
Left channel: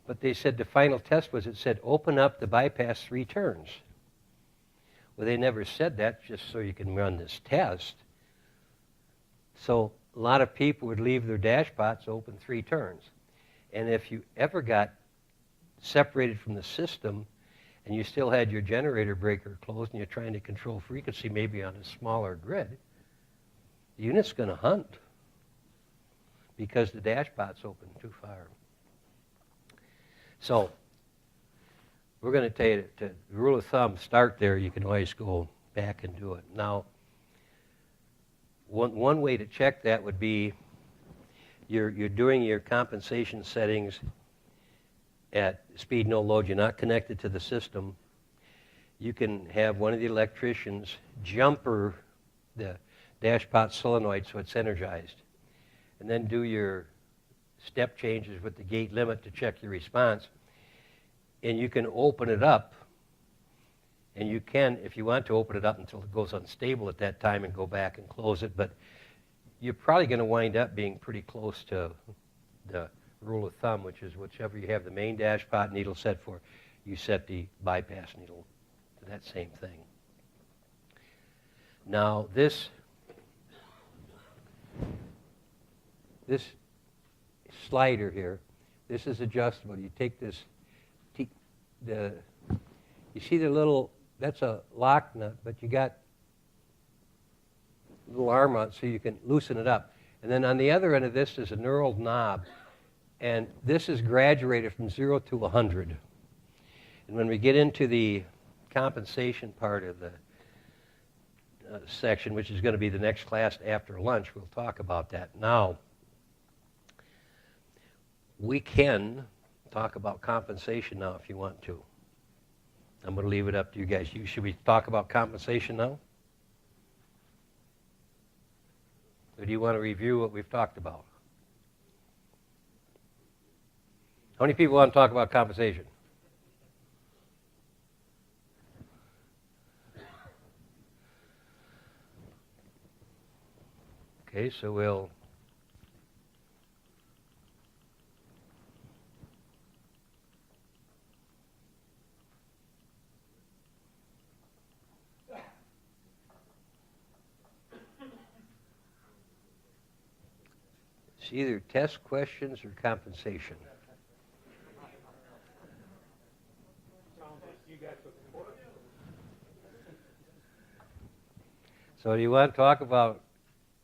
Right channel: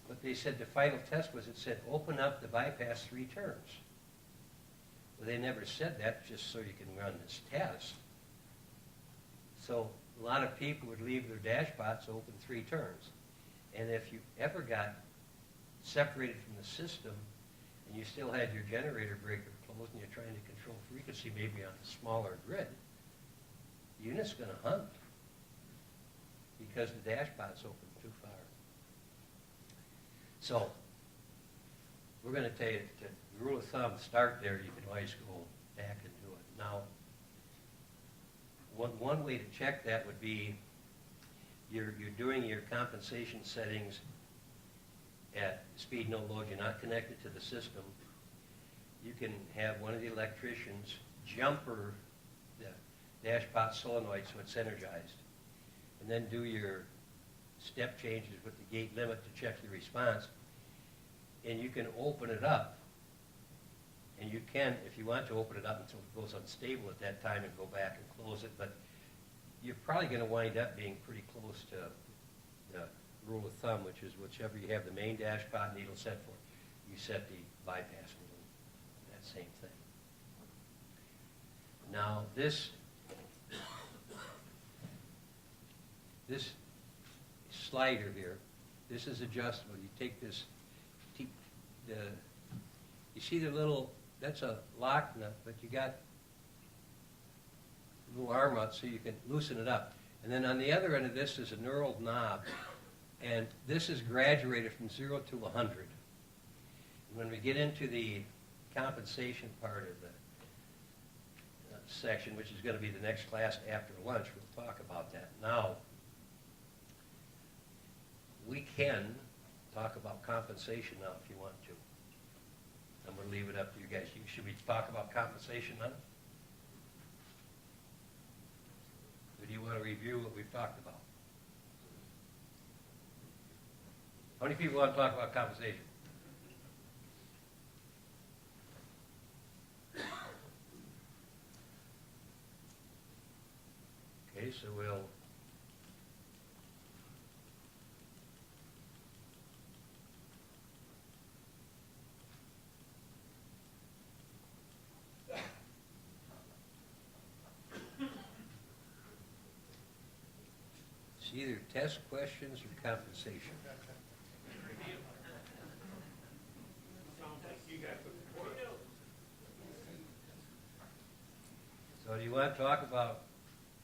But they said the final test was, it said, open up the bypass 3 turns. Well, they never said that just so you can run this test. So a lot of people would leave their Dashpots open 3 turns. And if you ever got separated from the system and you still had your generator breaker closed and you're trying to control frequency maybe on a smaller grid, the unit's going to hunt because the Dashpot's open too far. So we're going to tell you the rule of thumb, start there. You can always go back and do it. Now, one way to check that would be you're doing your compensation settings at speed no load, you're not connected to the system, you can have one of the electricians jumper the Dashpot solenoid so it's energized, and then do your step changes with the gate limit to check the response. And you can open it up, and you can, if you want to, open it up until it goes unstable at that time and go back and close it, but you're probably going to wind up being pretty close to the rule of thumb, which is whichever you have the main Dashpot needle set for, you set the bypass needle to that same thing. Now this slider here, this is adjustable. You take this, you see the little, that's a lock nut, but you got a little arm on it so you can loosen it up. And then on the other end of this is a knurled knob, and this is graduated from 0 to 100. And when we get into the compensation part of the section, which is going to be the next class after lunch, we'll talk about that. Now, we can talk about compensation now if you want to. I'm going to leave it up to you guys. Should we talk about compensation now? Or do you want to review what we've talked about? How many people want to talk about compensation? Okay, so we'll it's either test questions or compensation. So do you want to talk about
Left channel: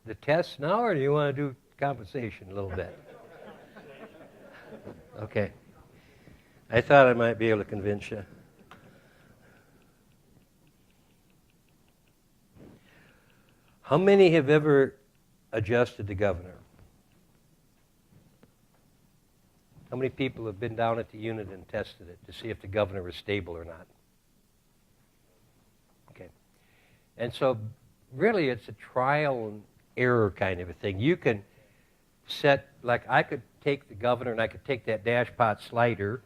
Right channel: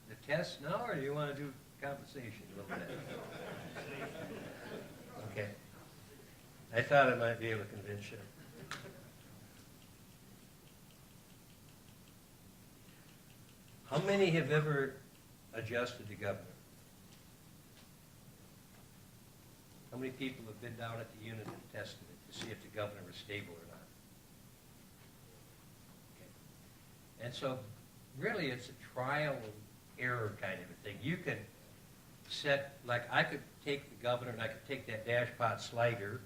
the tests now, or do you want to do compensation a little bit? Okay. I thought I might be able to convince you. How many have ever adjusted the governor? How many people have been down at the unit and tested it to see if the governor was stable or not? Okay. And so really it's a trial and error kind of a thing. You can set, like I could take the governor and I could take that Dashpot slider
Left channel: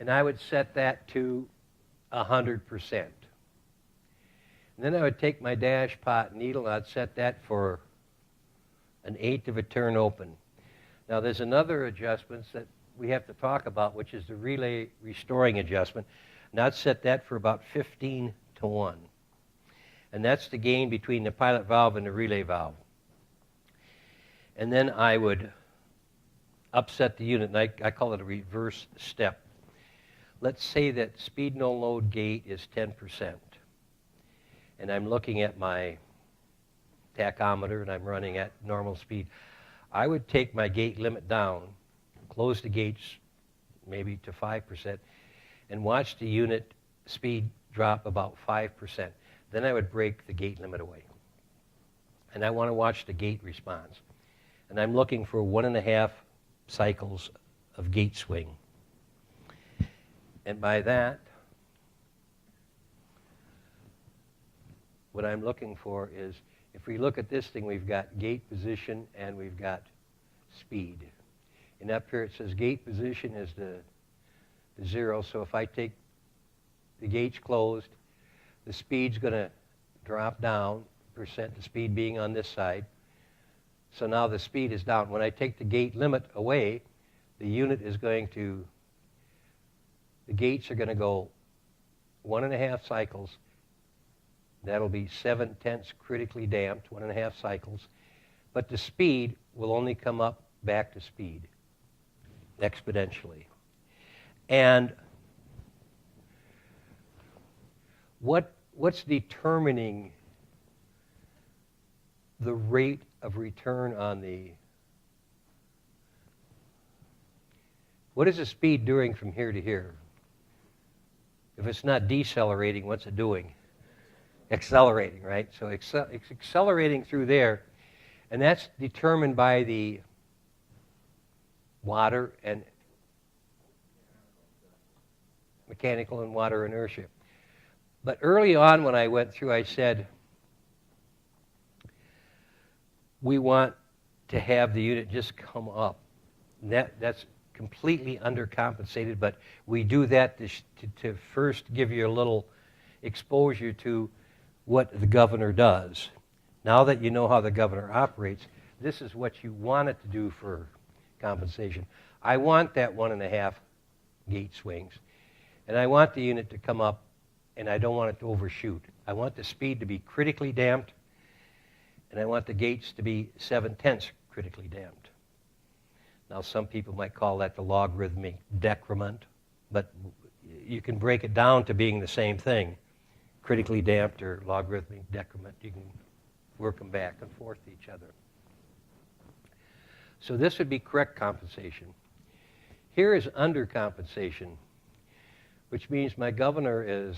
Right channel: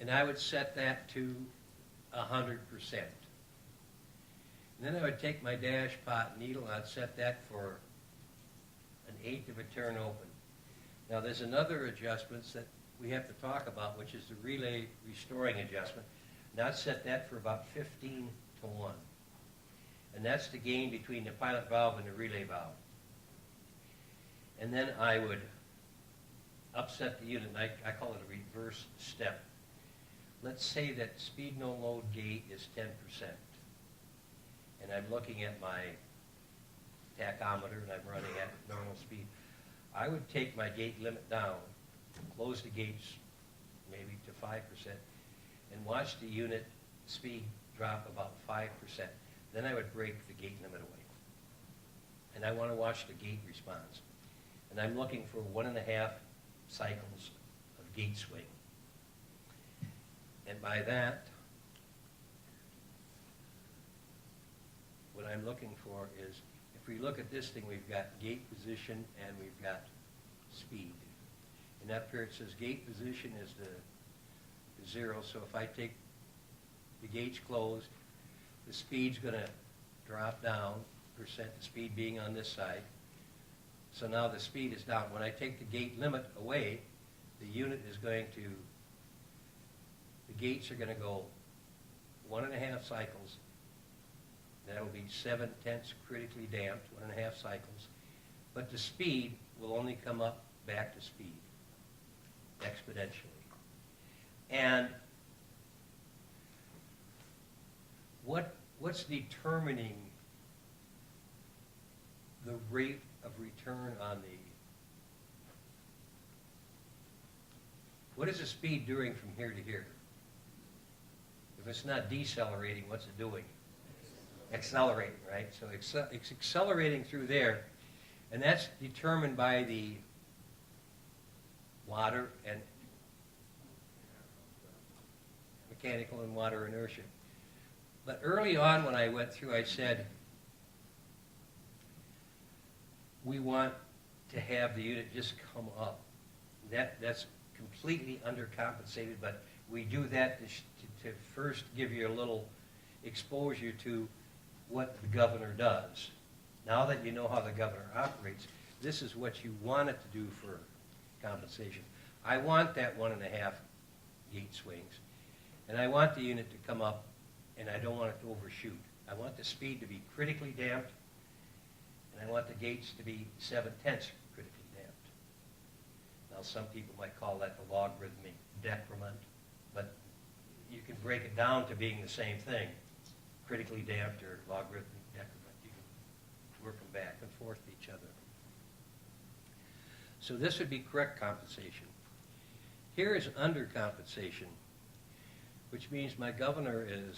and I would set that to 100%. And then I would take my Dashpot needle and I'd set that for 1/8 of a turn open. Now there's another adjustments that we have to talk about, which is the relay restoring adjustment. And I'd set that for about 15 to 1. And that's the gain between the pilot valve and the relay valve. And then I would upset the unit, and I call it a reverse step. Let's say that speed no load gate is 10%. And I'm looking at my tachometer and I'm running at normal speed. I would take my gate limit down, close the gates maybe to 5%, and watch the unit speed drop about 5%. Then I would break the gate limit away. And I want to watch the gate response. And I'm looking for 1.5 cycles of gate swing. And by that, what I'm looking for is, if we look at this thing, we've got gate position and we've got speed. And up here it says gate position is the 0. So if I take the gates closed, the speed's going to drop down, percent the speed being on this side. So now the speed is down. When I take the gate limit away, the unit is going to, the gates are going to go 1.5 cycles. That'll be 7/10 critically damped, 1.5 cycles. But the speed will only come up back to speed exponentially. And what's determining the rate of return on the, what is the speed doing from here to here? If it's not decelerating, what's it doing? Accelerating, right? So it's accelerating through there, And that's determined by the water and mechanical and water inertia. But early on when I went through, I said, we want to have the unit just come up. That's completely undercompensated, but we do that to first give you a little exposure to what the governor does. Now that you know how the governor operates, this is what you want it to do for compensation. I want that 1.5 gate swings, and I want the unit to come up, and I don't want it to overshoot. I want the speed to be critically damped, and I want the gates to be 7/10 critically damped. Now, some people might call that the logarithmic decrement, but you can break it down to being the same thing, critically damped or logarithmic decrement. You can work them back and forth to each other. So this would be correct compensation. Here is undercompensation, which means my governor is,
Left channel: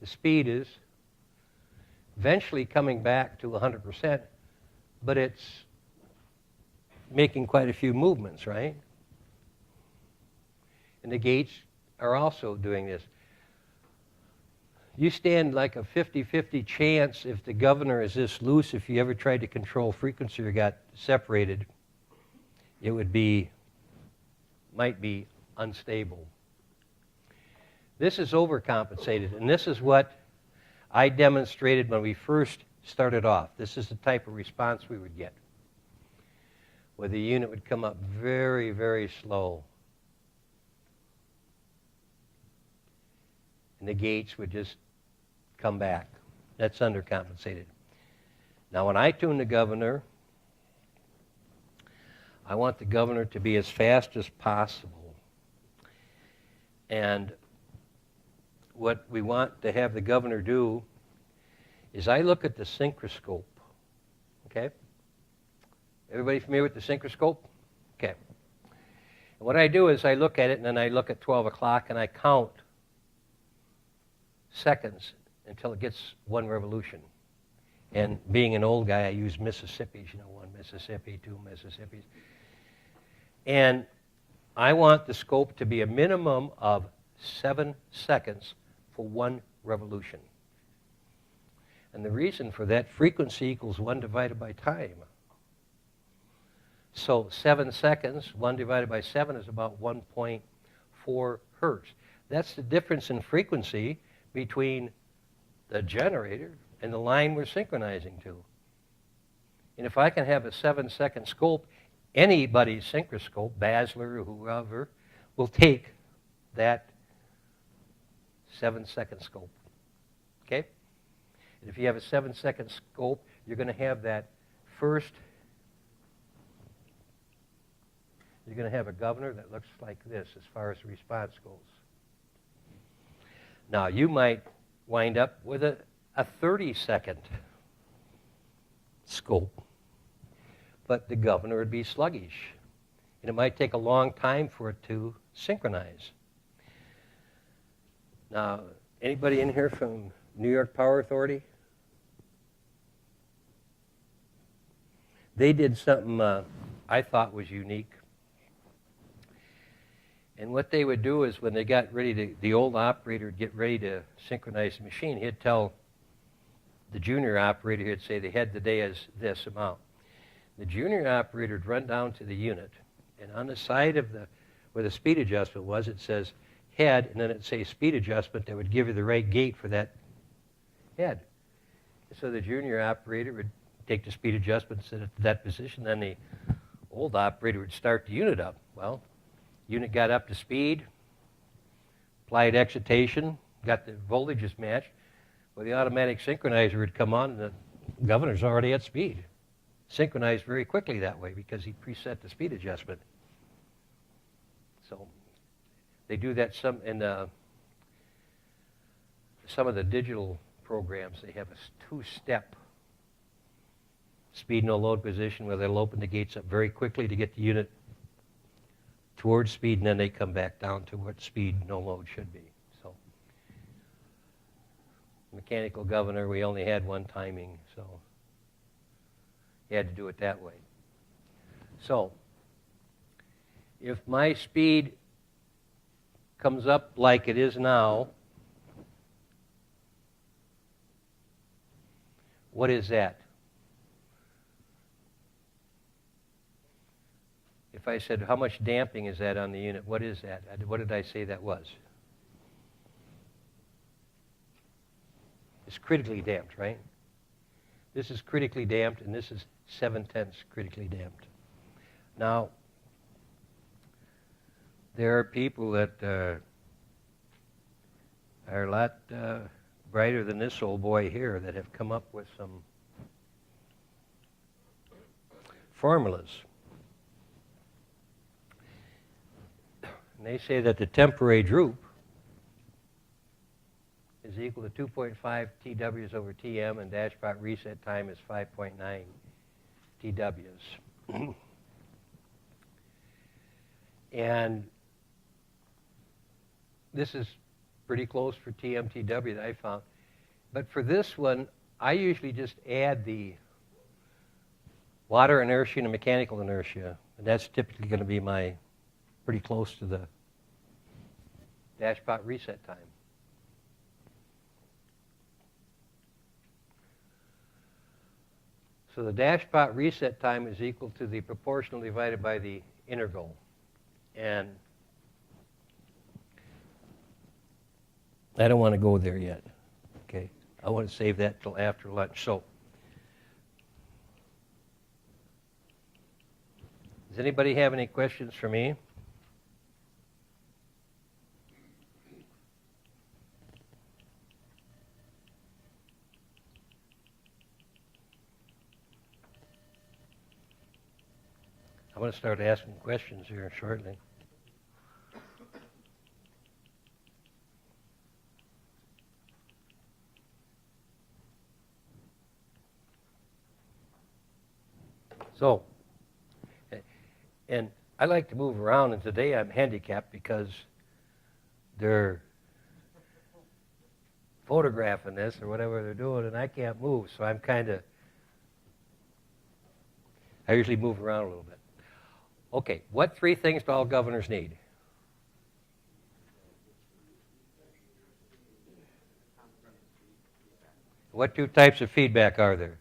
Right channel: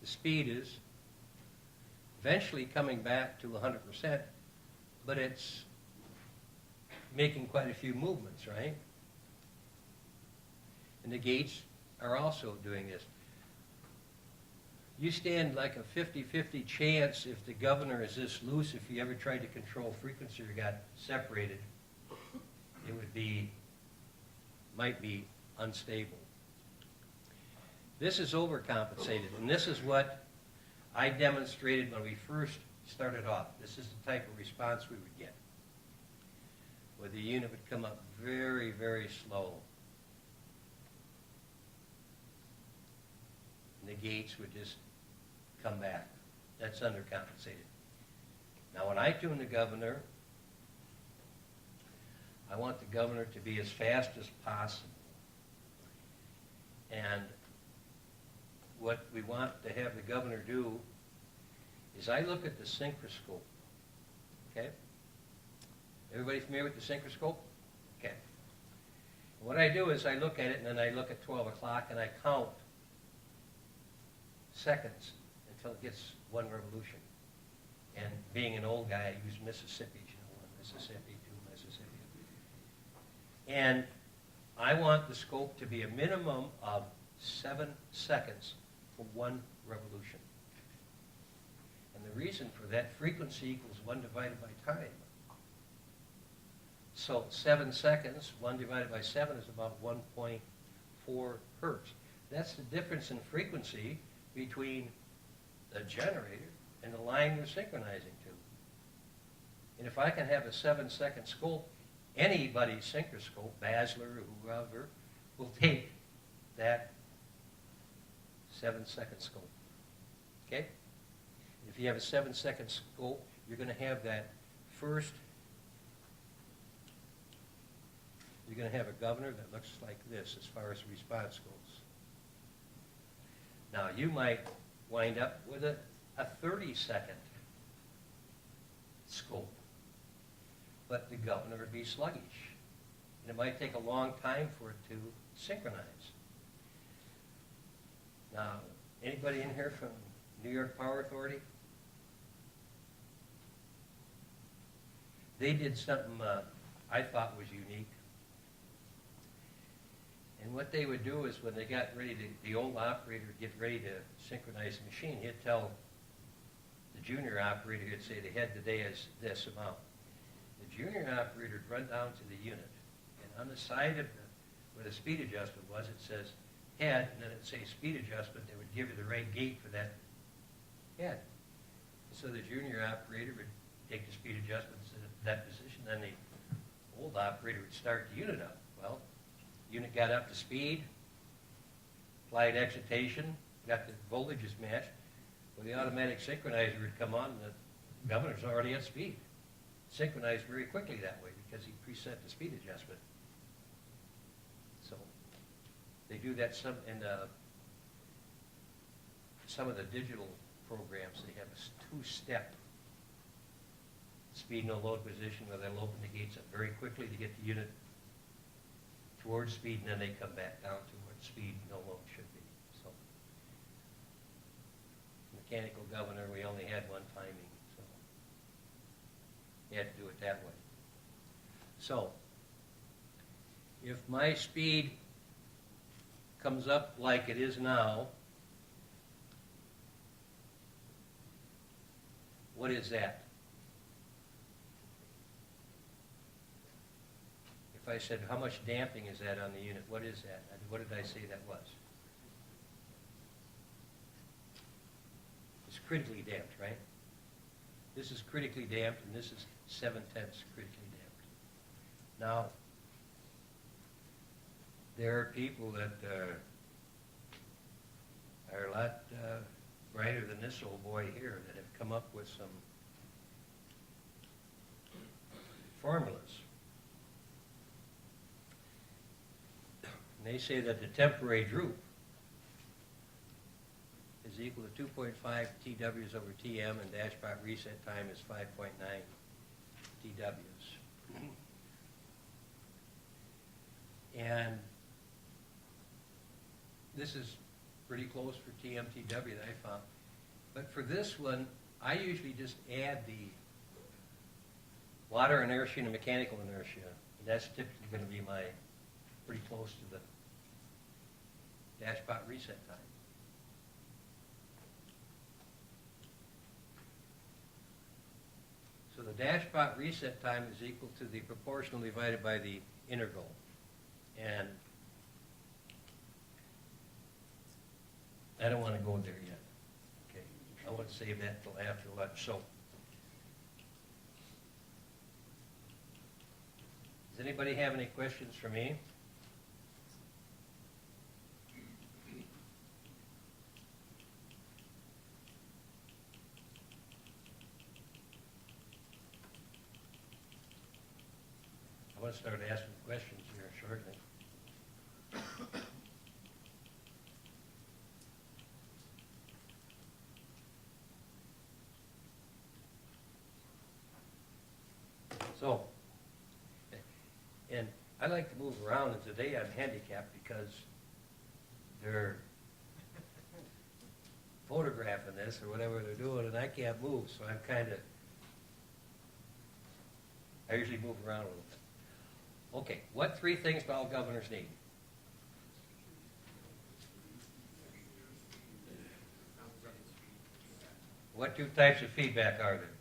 the speed is eventually coming back to 100%, but it's making quite a few movements, right? And the gates are also doing this. You stand like a 50-50 chance if the governor is this loose. If you ever tried to control frequency or got separated, it would be, might be unstable. This is overcompensated, and this is what I demonstrated when we first started off. This is the type of response we would get, where the unit would come up very, very slow. And the gates would just come back. That's undercompensated. Now, when I tune the governor, I want the governor to be as fast as possible. And what we want to have the governor do is I look at the synchroscope. Okay? Everybody familiar with the synchroscope? Okay. And what I do is I look at it, and then I look at 12 o'clock, and I count seconds until it gets 1 revolution. And being an old guy, I use Mississippis, 1 Mississippi, 2 Mississippis. And I want the scope to be a minimum of 7 seconds for 1 revolution. And the reason for that, frequency equals 1 divided by time. So 7 seconds, 1 divided by 7 is about 1.4 hertz. That's the difference in frequency between the generator and the line we're synchronizing to. And if I can have a 7-second scope, anybody's synchroscope, Basler or whoever, will take that 7-second scope. Okay? And if you have a 7-second scope, you're going to have that first. You're going to have a governor that looks like this as far as the response goes. Now, you might wind up with a 30-second scope, but the governor would be sluggish, and it might take a long time for it to synchronize. Now, anybody in here from New York Power Authority? They did something I thought was unique. And what they would do is when they got ready to, the old operator would get ready to synchronize the machine, he'd tell the junior operator, he'd say the head of the day is this amount. The junior operator would run down to the unit, and on the side of where the speed adjustment was, it says head, and then it'd say speed adjustment that would give you the right gate for that head. And so the junior operator would take the speed adjustment, set it to that position, then the old operator would start the unit up. Well, unit got up to speed, applied excitation, got the voltages matched. Well, the automatic synchronizer would come on, and the governor's already at speed. Synchronized very quickly that way because he preset the speed adjustment. So they do that in some of the digital programs. They have a 2-step speed no load position where they'll open the gates up very quickly to get the unit towards speed, and then they come back down to what speed no load should be. So mechanical governor, we only had 1 timing, so You had to do it that way. So, if my speed comes up like it is now, what is that? If I said, how much damping is that on the unit? What is that? What did I say that was? It's critically damped, right? This is critically damped, and this is 7/10 critically damped. Now, there are people that are a lot brighter than this old boy here that have come up with some formulas. And they say that the temporary droop is equal to 2.5 TWs over TM, and Dashpot reset time is 5.9 TWs. And this is pretty close for TMTW that I found. But for this one, I usually just add the water inertia and the mechanical inertia. And that's typically going to be my pretty close to the Dashpot reset time. So the Dashpot reset time is equal to the proportional divided by the integral. And I don't want to go there yet. Okay, I want to save that till after lunch. So, does anybody have any questions for me? I'm going to start asking questions here shortly. So, and I like to move around, and today I'm handicapped because they're photographing this or whatever they're doing, and I can't move, so I'm kind of, I usually move around a little bit. Okay, what three things do all governors need? What two types of feedback are there?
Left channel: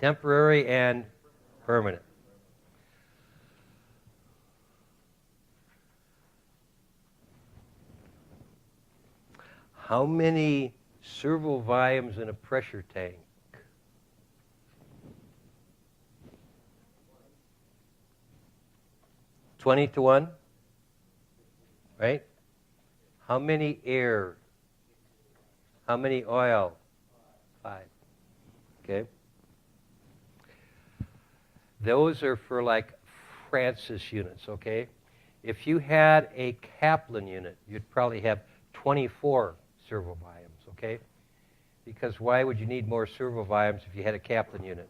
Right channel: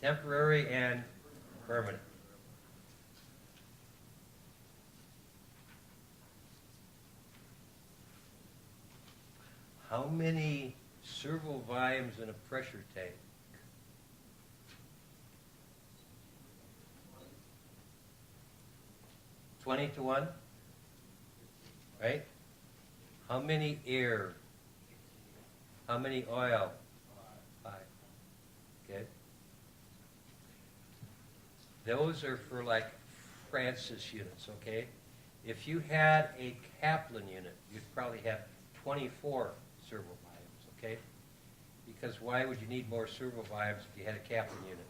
Temporary and permanent. How many servo volumes in a pressure tank? 20 to 1, right? How many air? How many oil? 5. Okay. Those are for like Francis units, okay? If you had a Kaplan unit, you'd probably have 24 servo volumes, okay? Because why would you need more servo volumes if you had a Kaplan unit?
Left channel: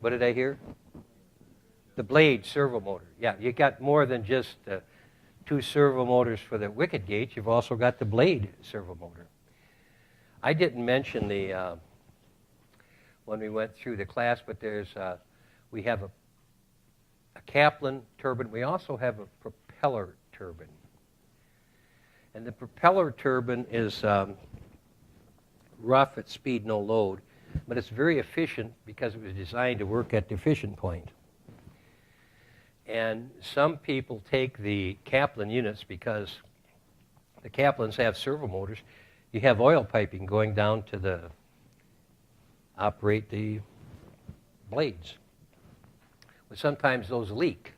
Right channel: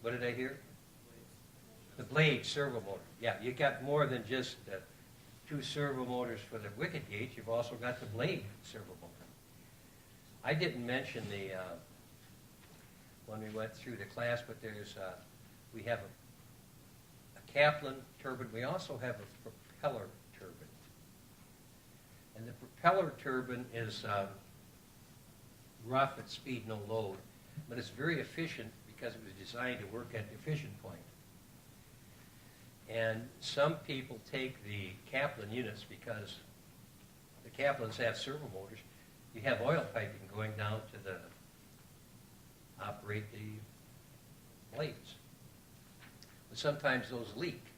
What did I hear? The blade servo motor. Yeah, you got more than just 2 servo motors for the wicket gate. You've also got the blade servo motor. I didn't mention the when we went through the class, but there's we have a Kaplan turbine. We also have a propeller turbine, and the propeller turbine is rough at speed, no load, but it's very efficient because it was designed to work at the efficient point. And some people take the Kaplan units because the Kaplans have servo motors. You have oil piping going down to operate the blades. But sometimes those leak,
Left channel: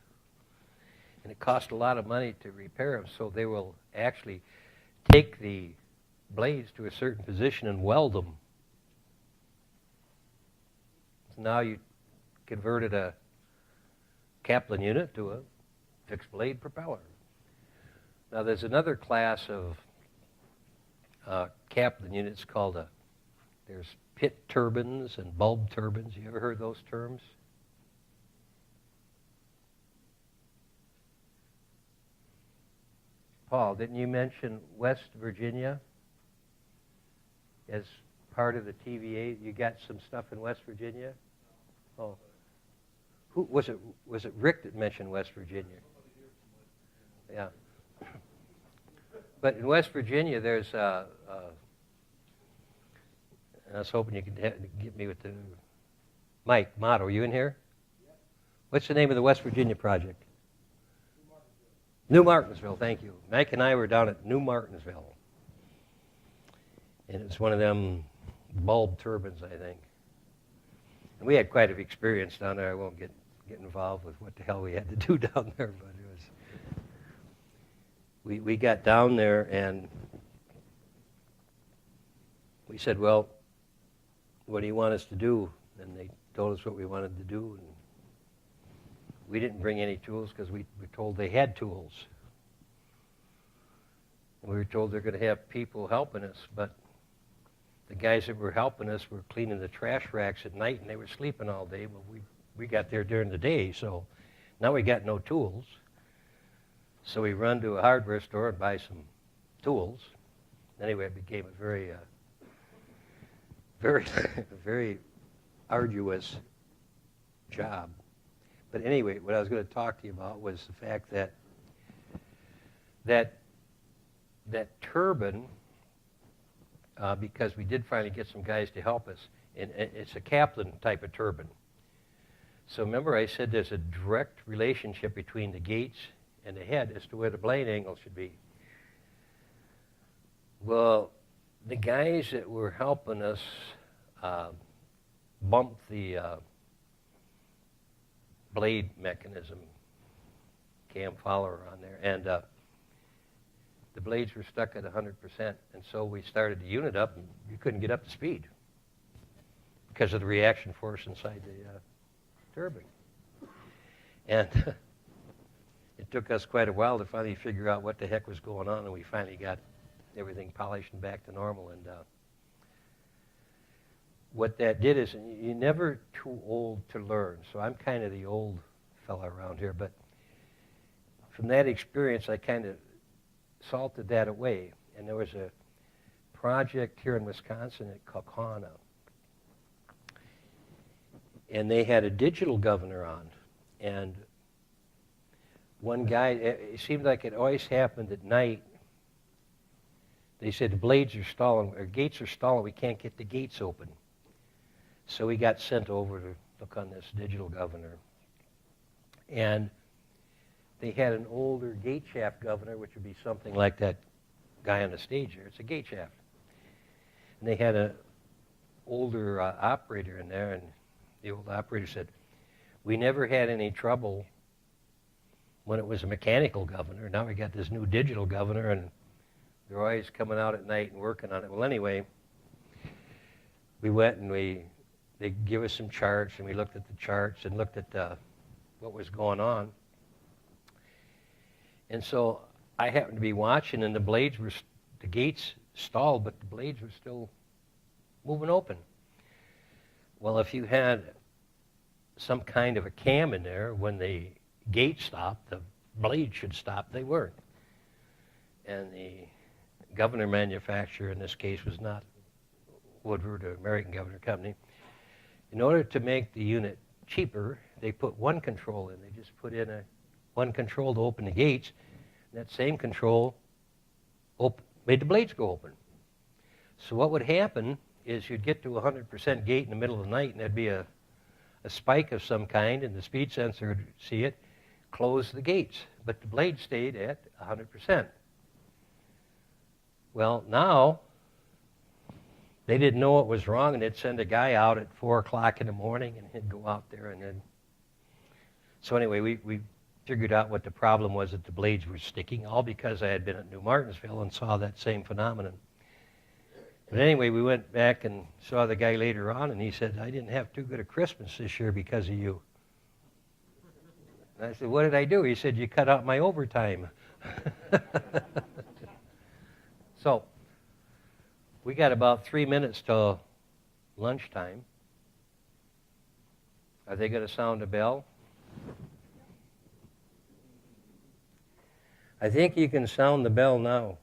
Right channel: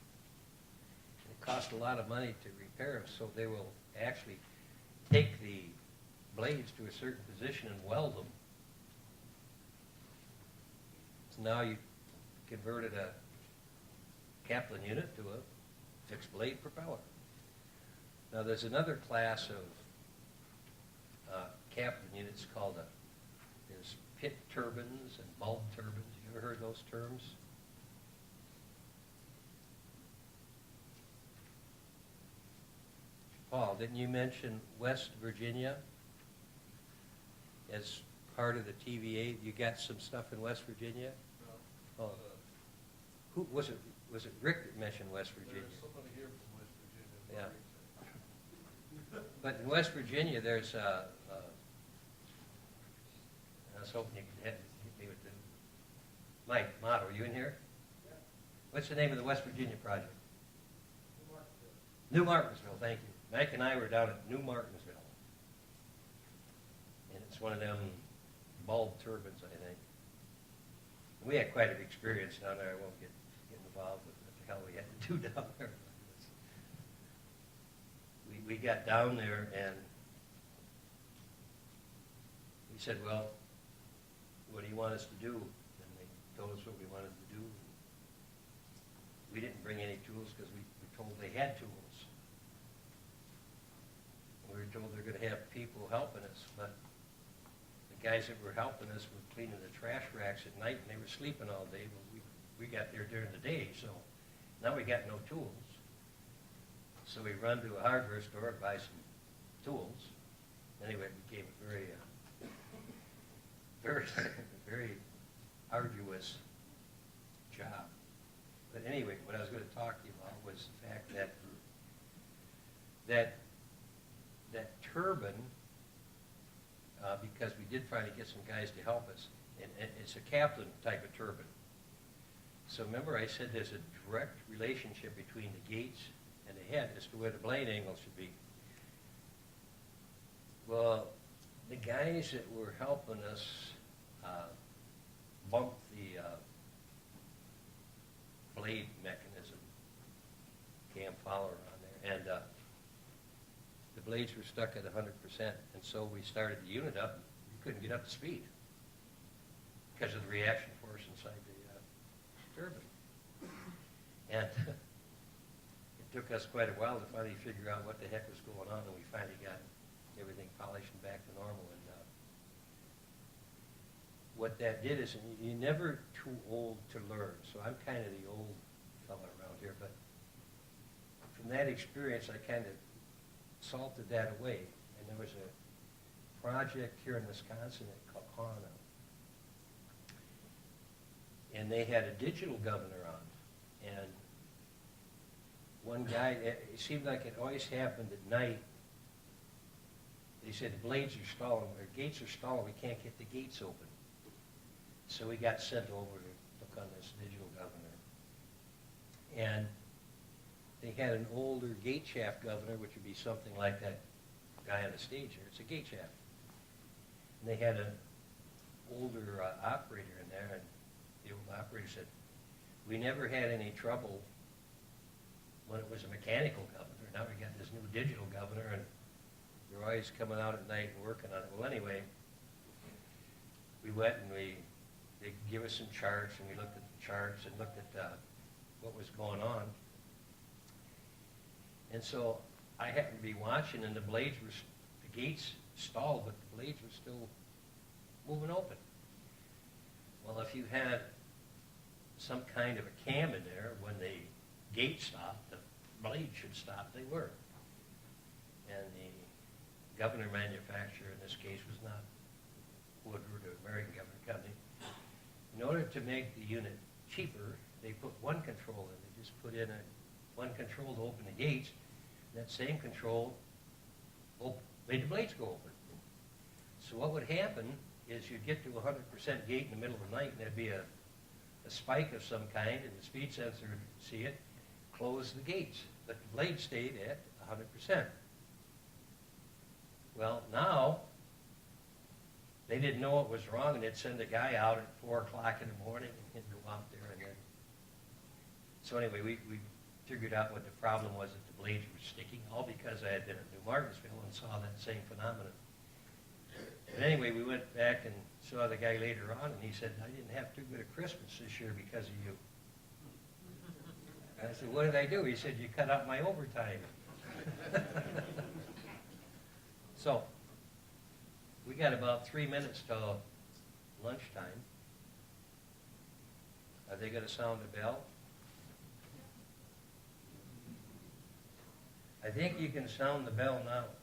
and it costs a lot of money to repair them, so they will actually take the blades to a certain position and weld them. So now you converted a Kaplan unit to a fixed blade propeller. Now there's another class of Kaplan units called there's pit turbines and bulb turbines. You ever heard those terms? Paul, didn't you mention West Virginia as part of the TVA? You got some stuff in West Virginia? No. Oh. Who was it? Was it Rick that mentioned West Virginia? Somebody here from West Virginia. Yeah. But in West Virginia, there's and I was hoping you could get me with the Mike Motto. Are you in here? Yeah. What's the name of the West Virginia project? New Martinsville, thank you. Mike and I were down at New Martinsville. And it's one of them bulb turbines, I think. And we had quite an experience down there. I won't get involved with what the hell we had to do down there, but it was. We got down there and we said, well, what do you want us to do? And they told us what we wanted to do. And we didn't bring any tools because we were told they had tools. We were told they're going to have people helping us, but the guys that were helping us were cleaning the trash racks at night, and they were sleeping all day, but we got there during the day, so now we got no tools. So we run to a hardware store and buy some tools. Anyway, it became a very, very arduous job. But anyway, what I was going to talk to you about was the fact that turbine, because we did finally get some guys to help us, and it's a Kaplan type of turbine. So remember I said there's a direct relationship between the gates and the head as to where the blade angle should be. Well, the guys that were helping us bumped the blade mechanism, cam follower on there, and the blades were stuck at 100%, and so we started the unit up, and you couldn't get up to speed because of the reaction force inside the turbine. And it took us quite a while to finally figure out what the heck was going on, and we finally got everything polished and back to normal. And what that did is, you're never too old to learn. So I'm kind of the old fella around here, but from that experience, I kind of salted that away. And there was a project here in Wisconsin at Kaukauna, and they had a digital governor on. And one guy, it seemed like it always happened at night. They said the blades are stalling, or gates are stalling, we can't get the gates open. So we got sent over to look on this digital governor. And they had an older gate shaft governor, which would be something like that guy on the stage here. It's a gate shaft. And they had an older operator in there, and the old operator said, we never had any trouble when it was a mechanical governor. Now we got this new digital governor, and they're always coming out at night and working on it. Well, anyway, we went and they give us some charts, and we looked at the charts and looked at what was going on. And so I happened to be watching, and the gates stalled, but the blades were still moving open. Well, if you had some kind of a cam in there, when the gate stopped, the blade should stop. They weren't. And the governor manufacturer in this case was not Woodward or American Governor Company. In order to make the unit cheaper, they put one control in. They just put in one control to open the gates, and that same control made the blades go open. So what would happen is you'd get to a 100% gate in the middle of the night, and there'd be a spike of some kind, and the speed sensor would see it, close the gates. But the blade stayed at 100%. Well, now, they didn't know what was wrong, and they'd send a guy out at 4 o'clock in the morning, and he'd go out there, and then... So anyway, we figured out what the problem was, that the blades were sticking, all because I had been at New Martinsville and saw that same phenomenon. But anyway, we went back and saw the guy later on, and he said, I didn't have too good a Christmas this year because of you. And I said, what did I do? He said, you cut out my overtime. So, we got about 3 minutes till lunchtime. Are they going to sound a bell? I think you can sound the bell now.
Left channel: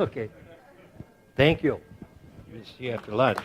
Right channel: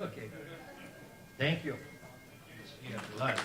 Okay. Thank you. See you after lunch.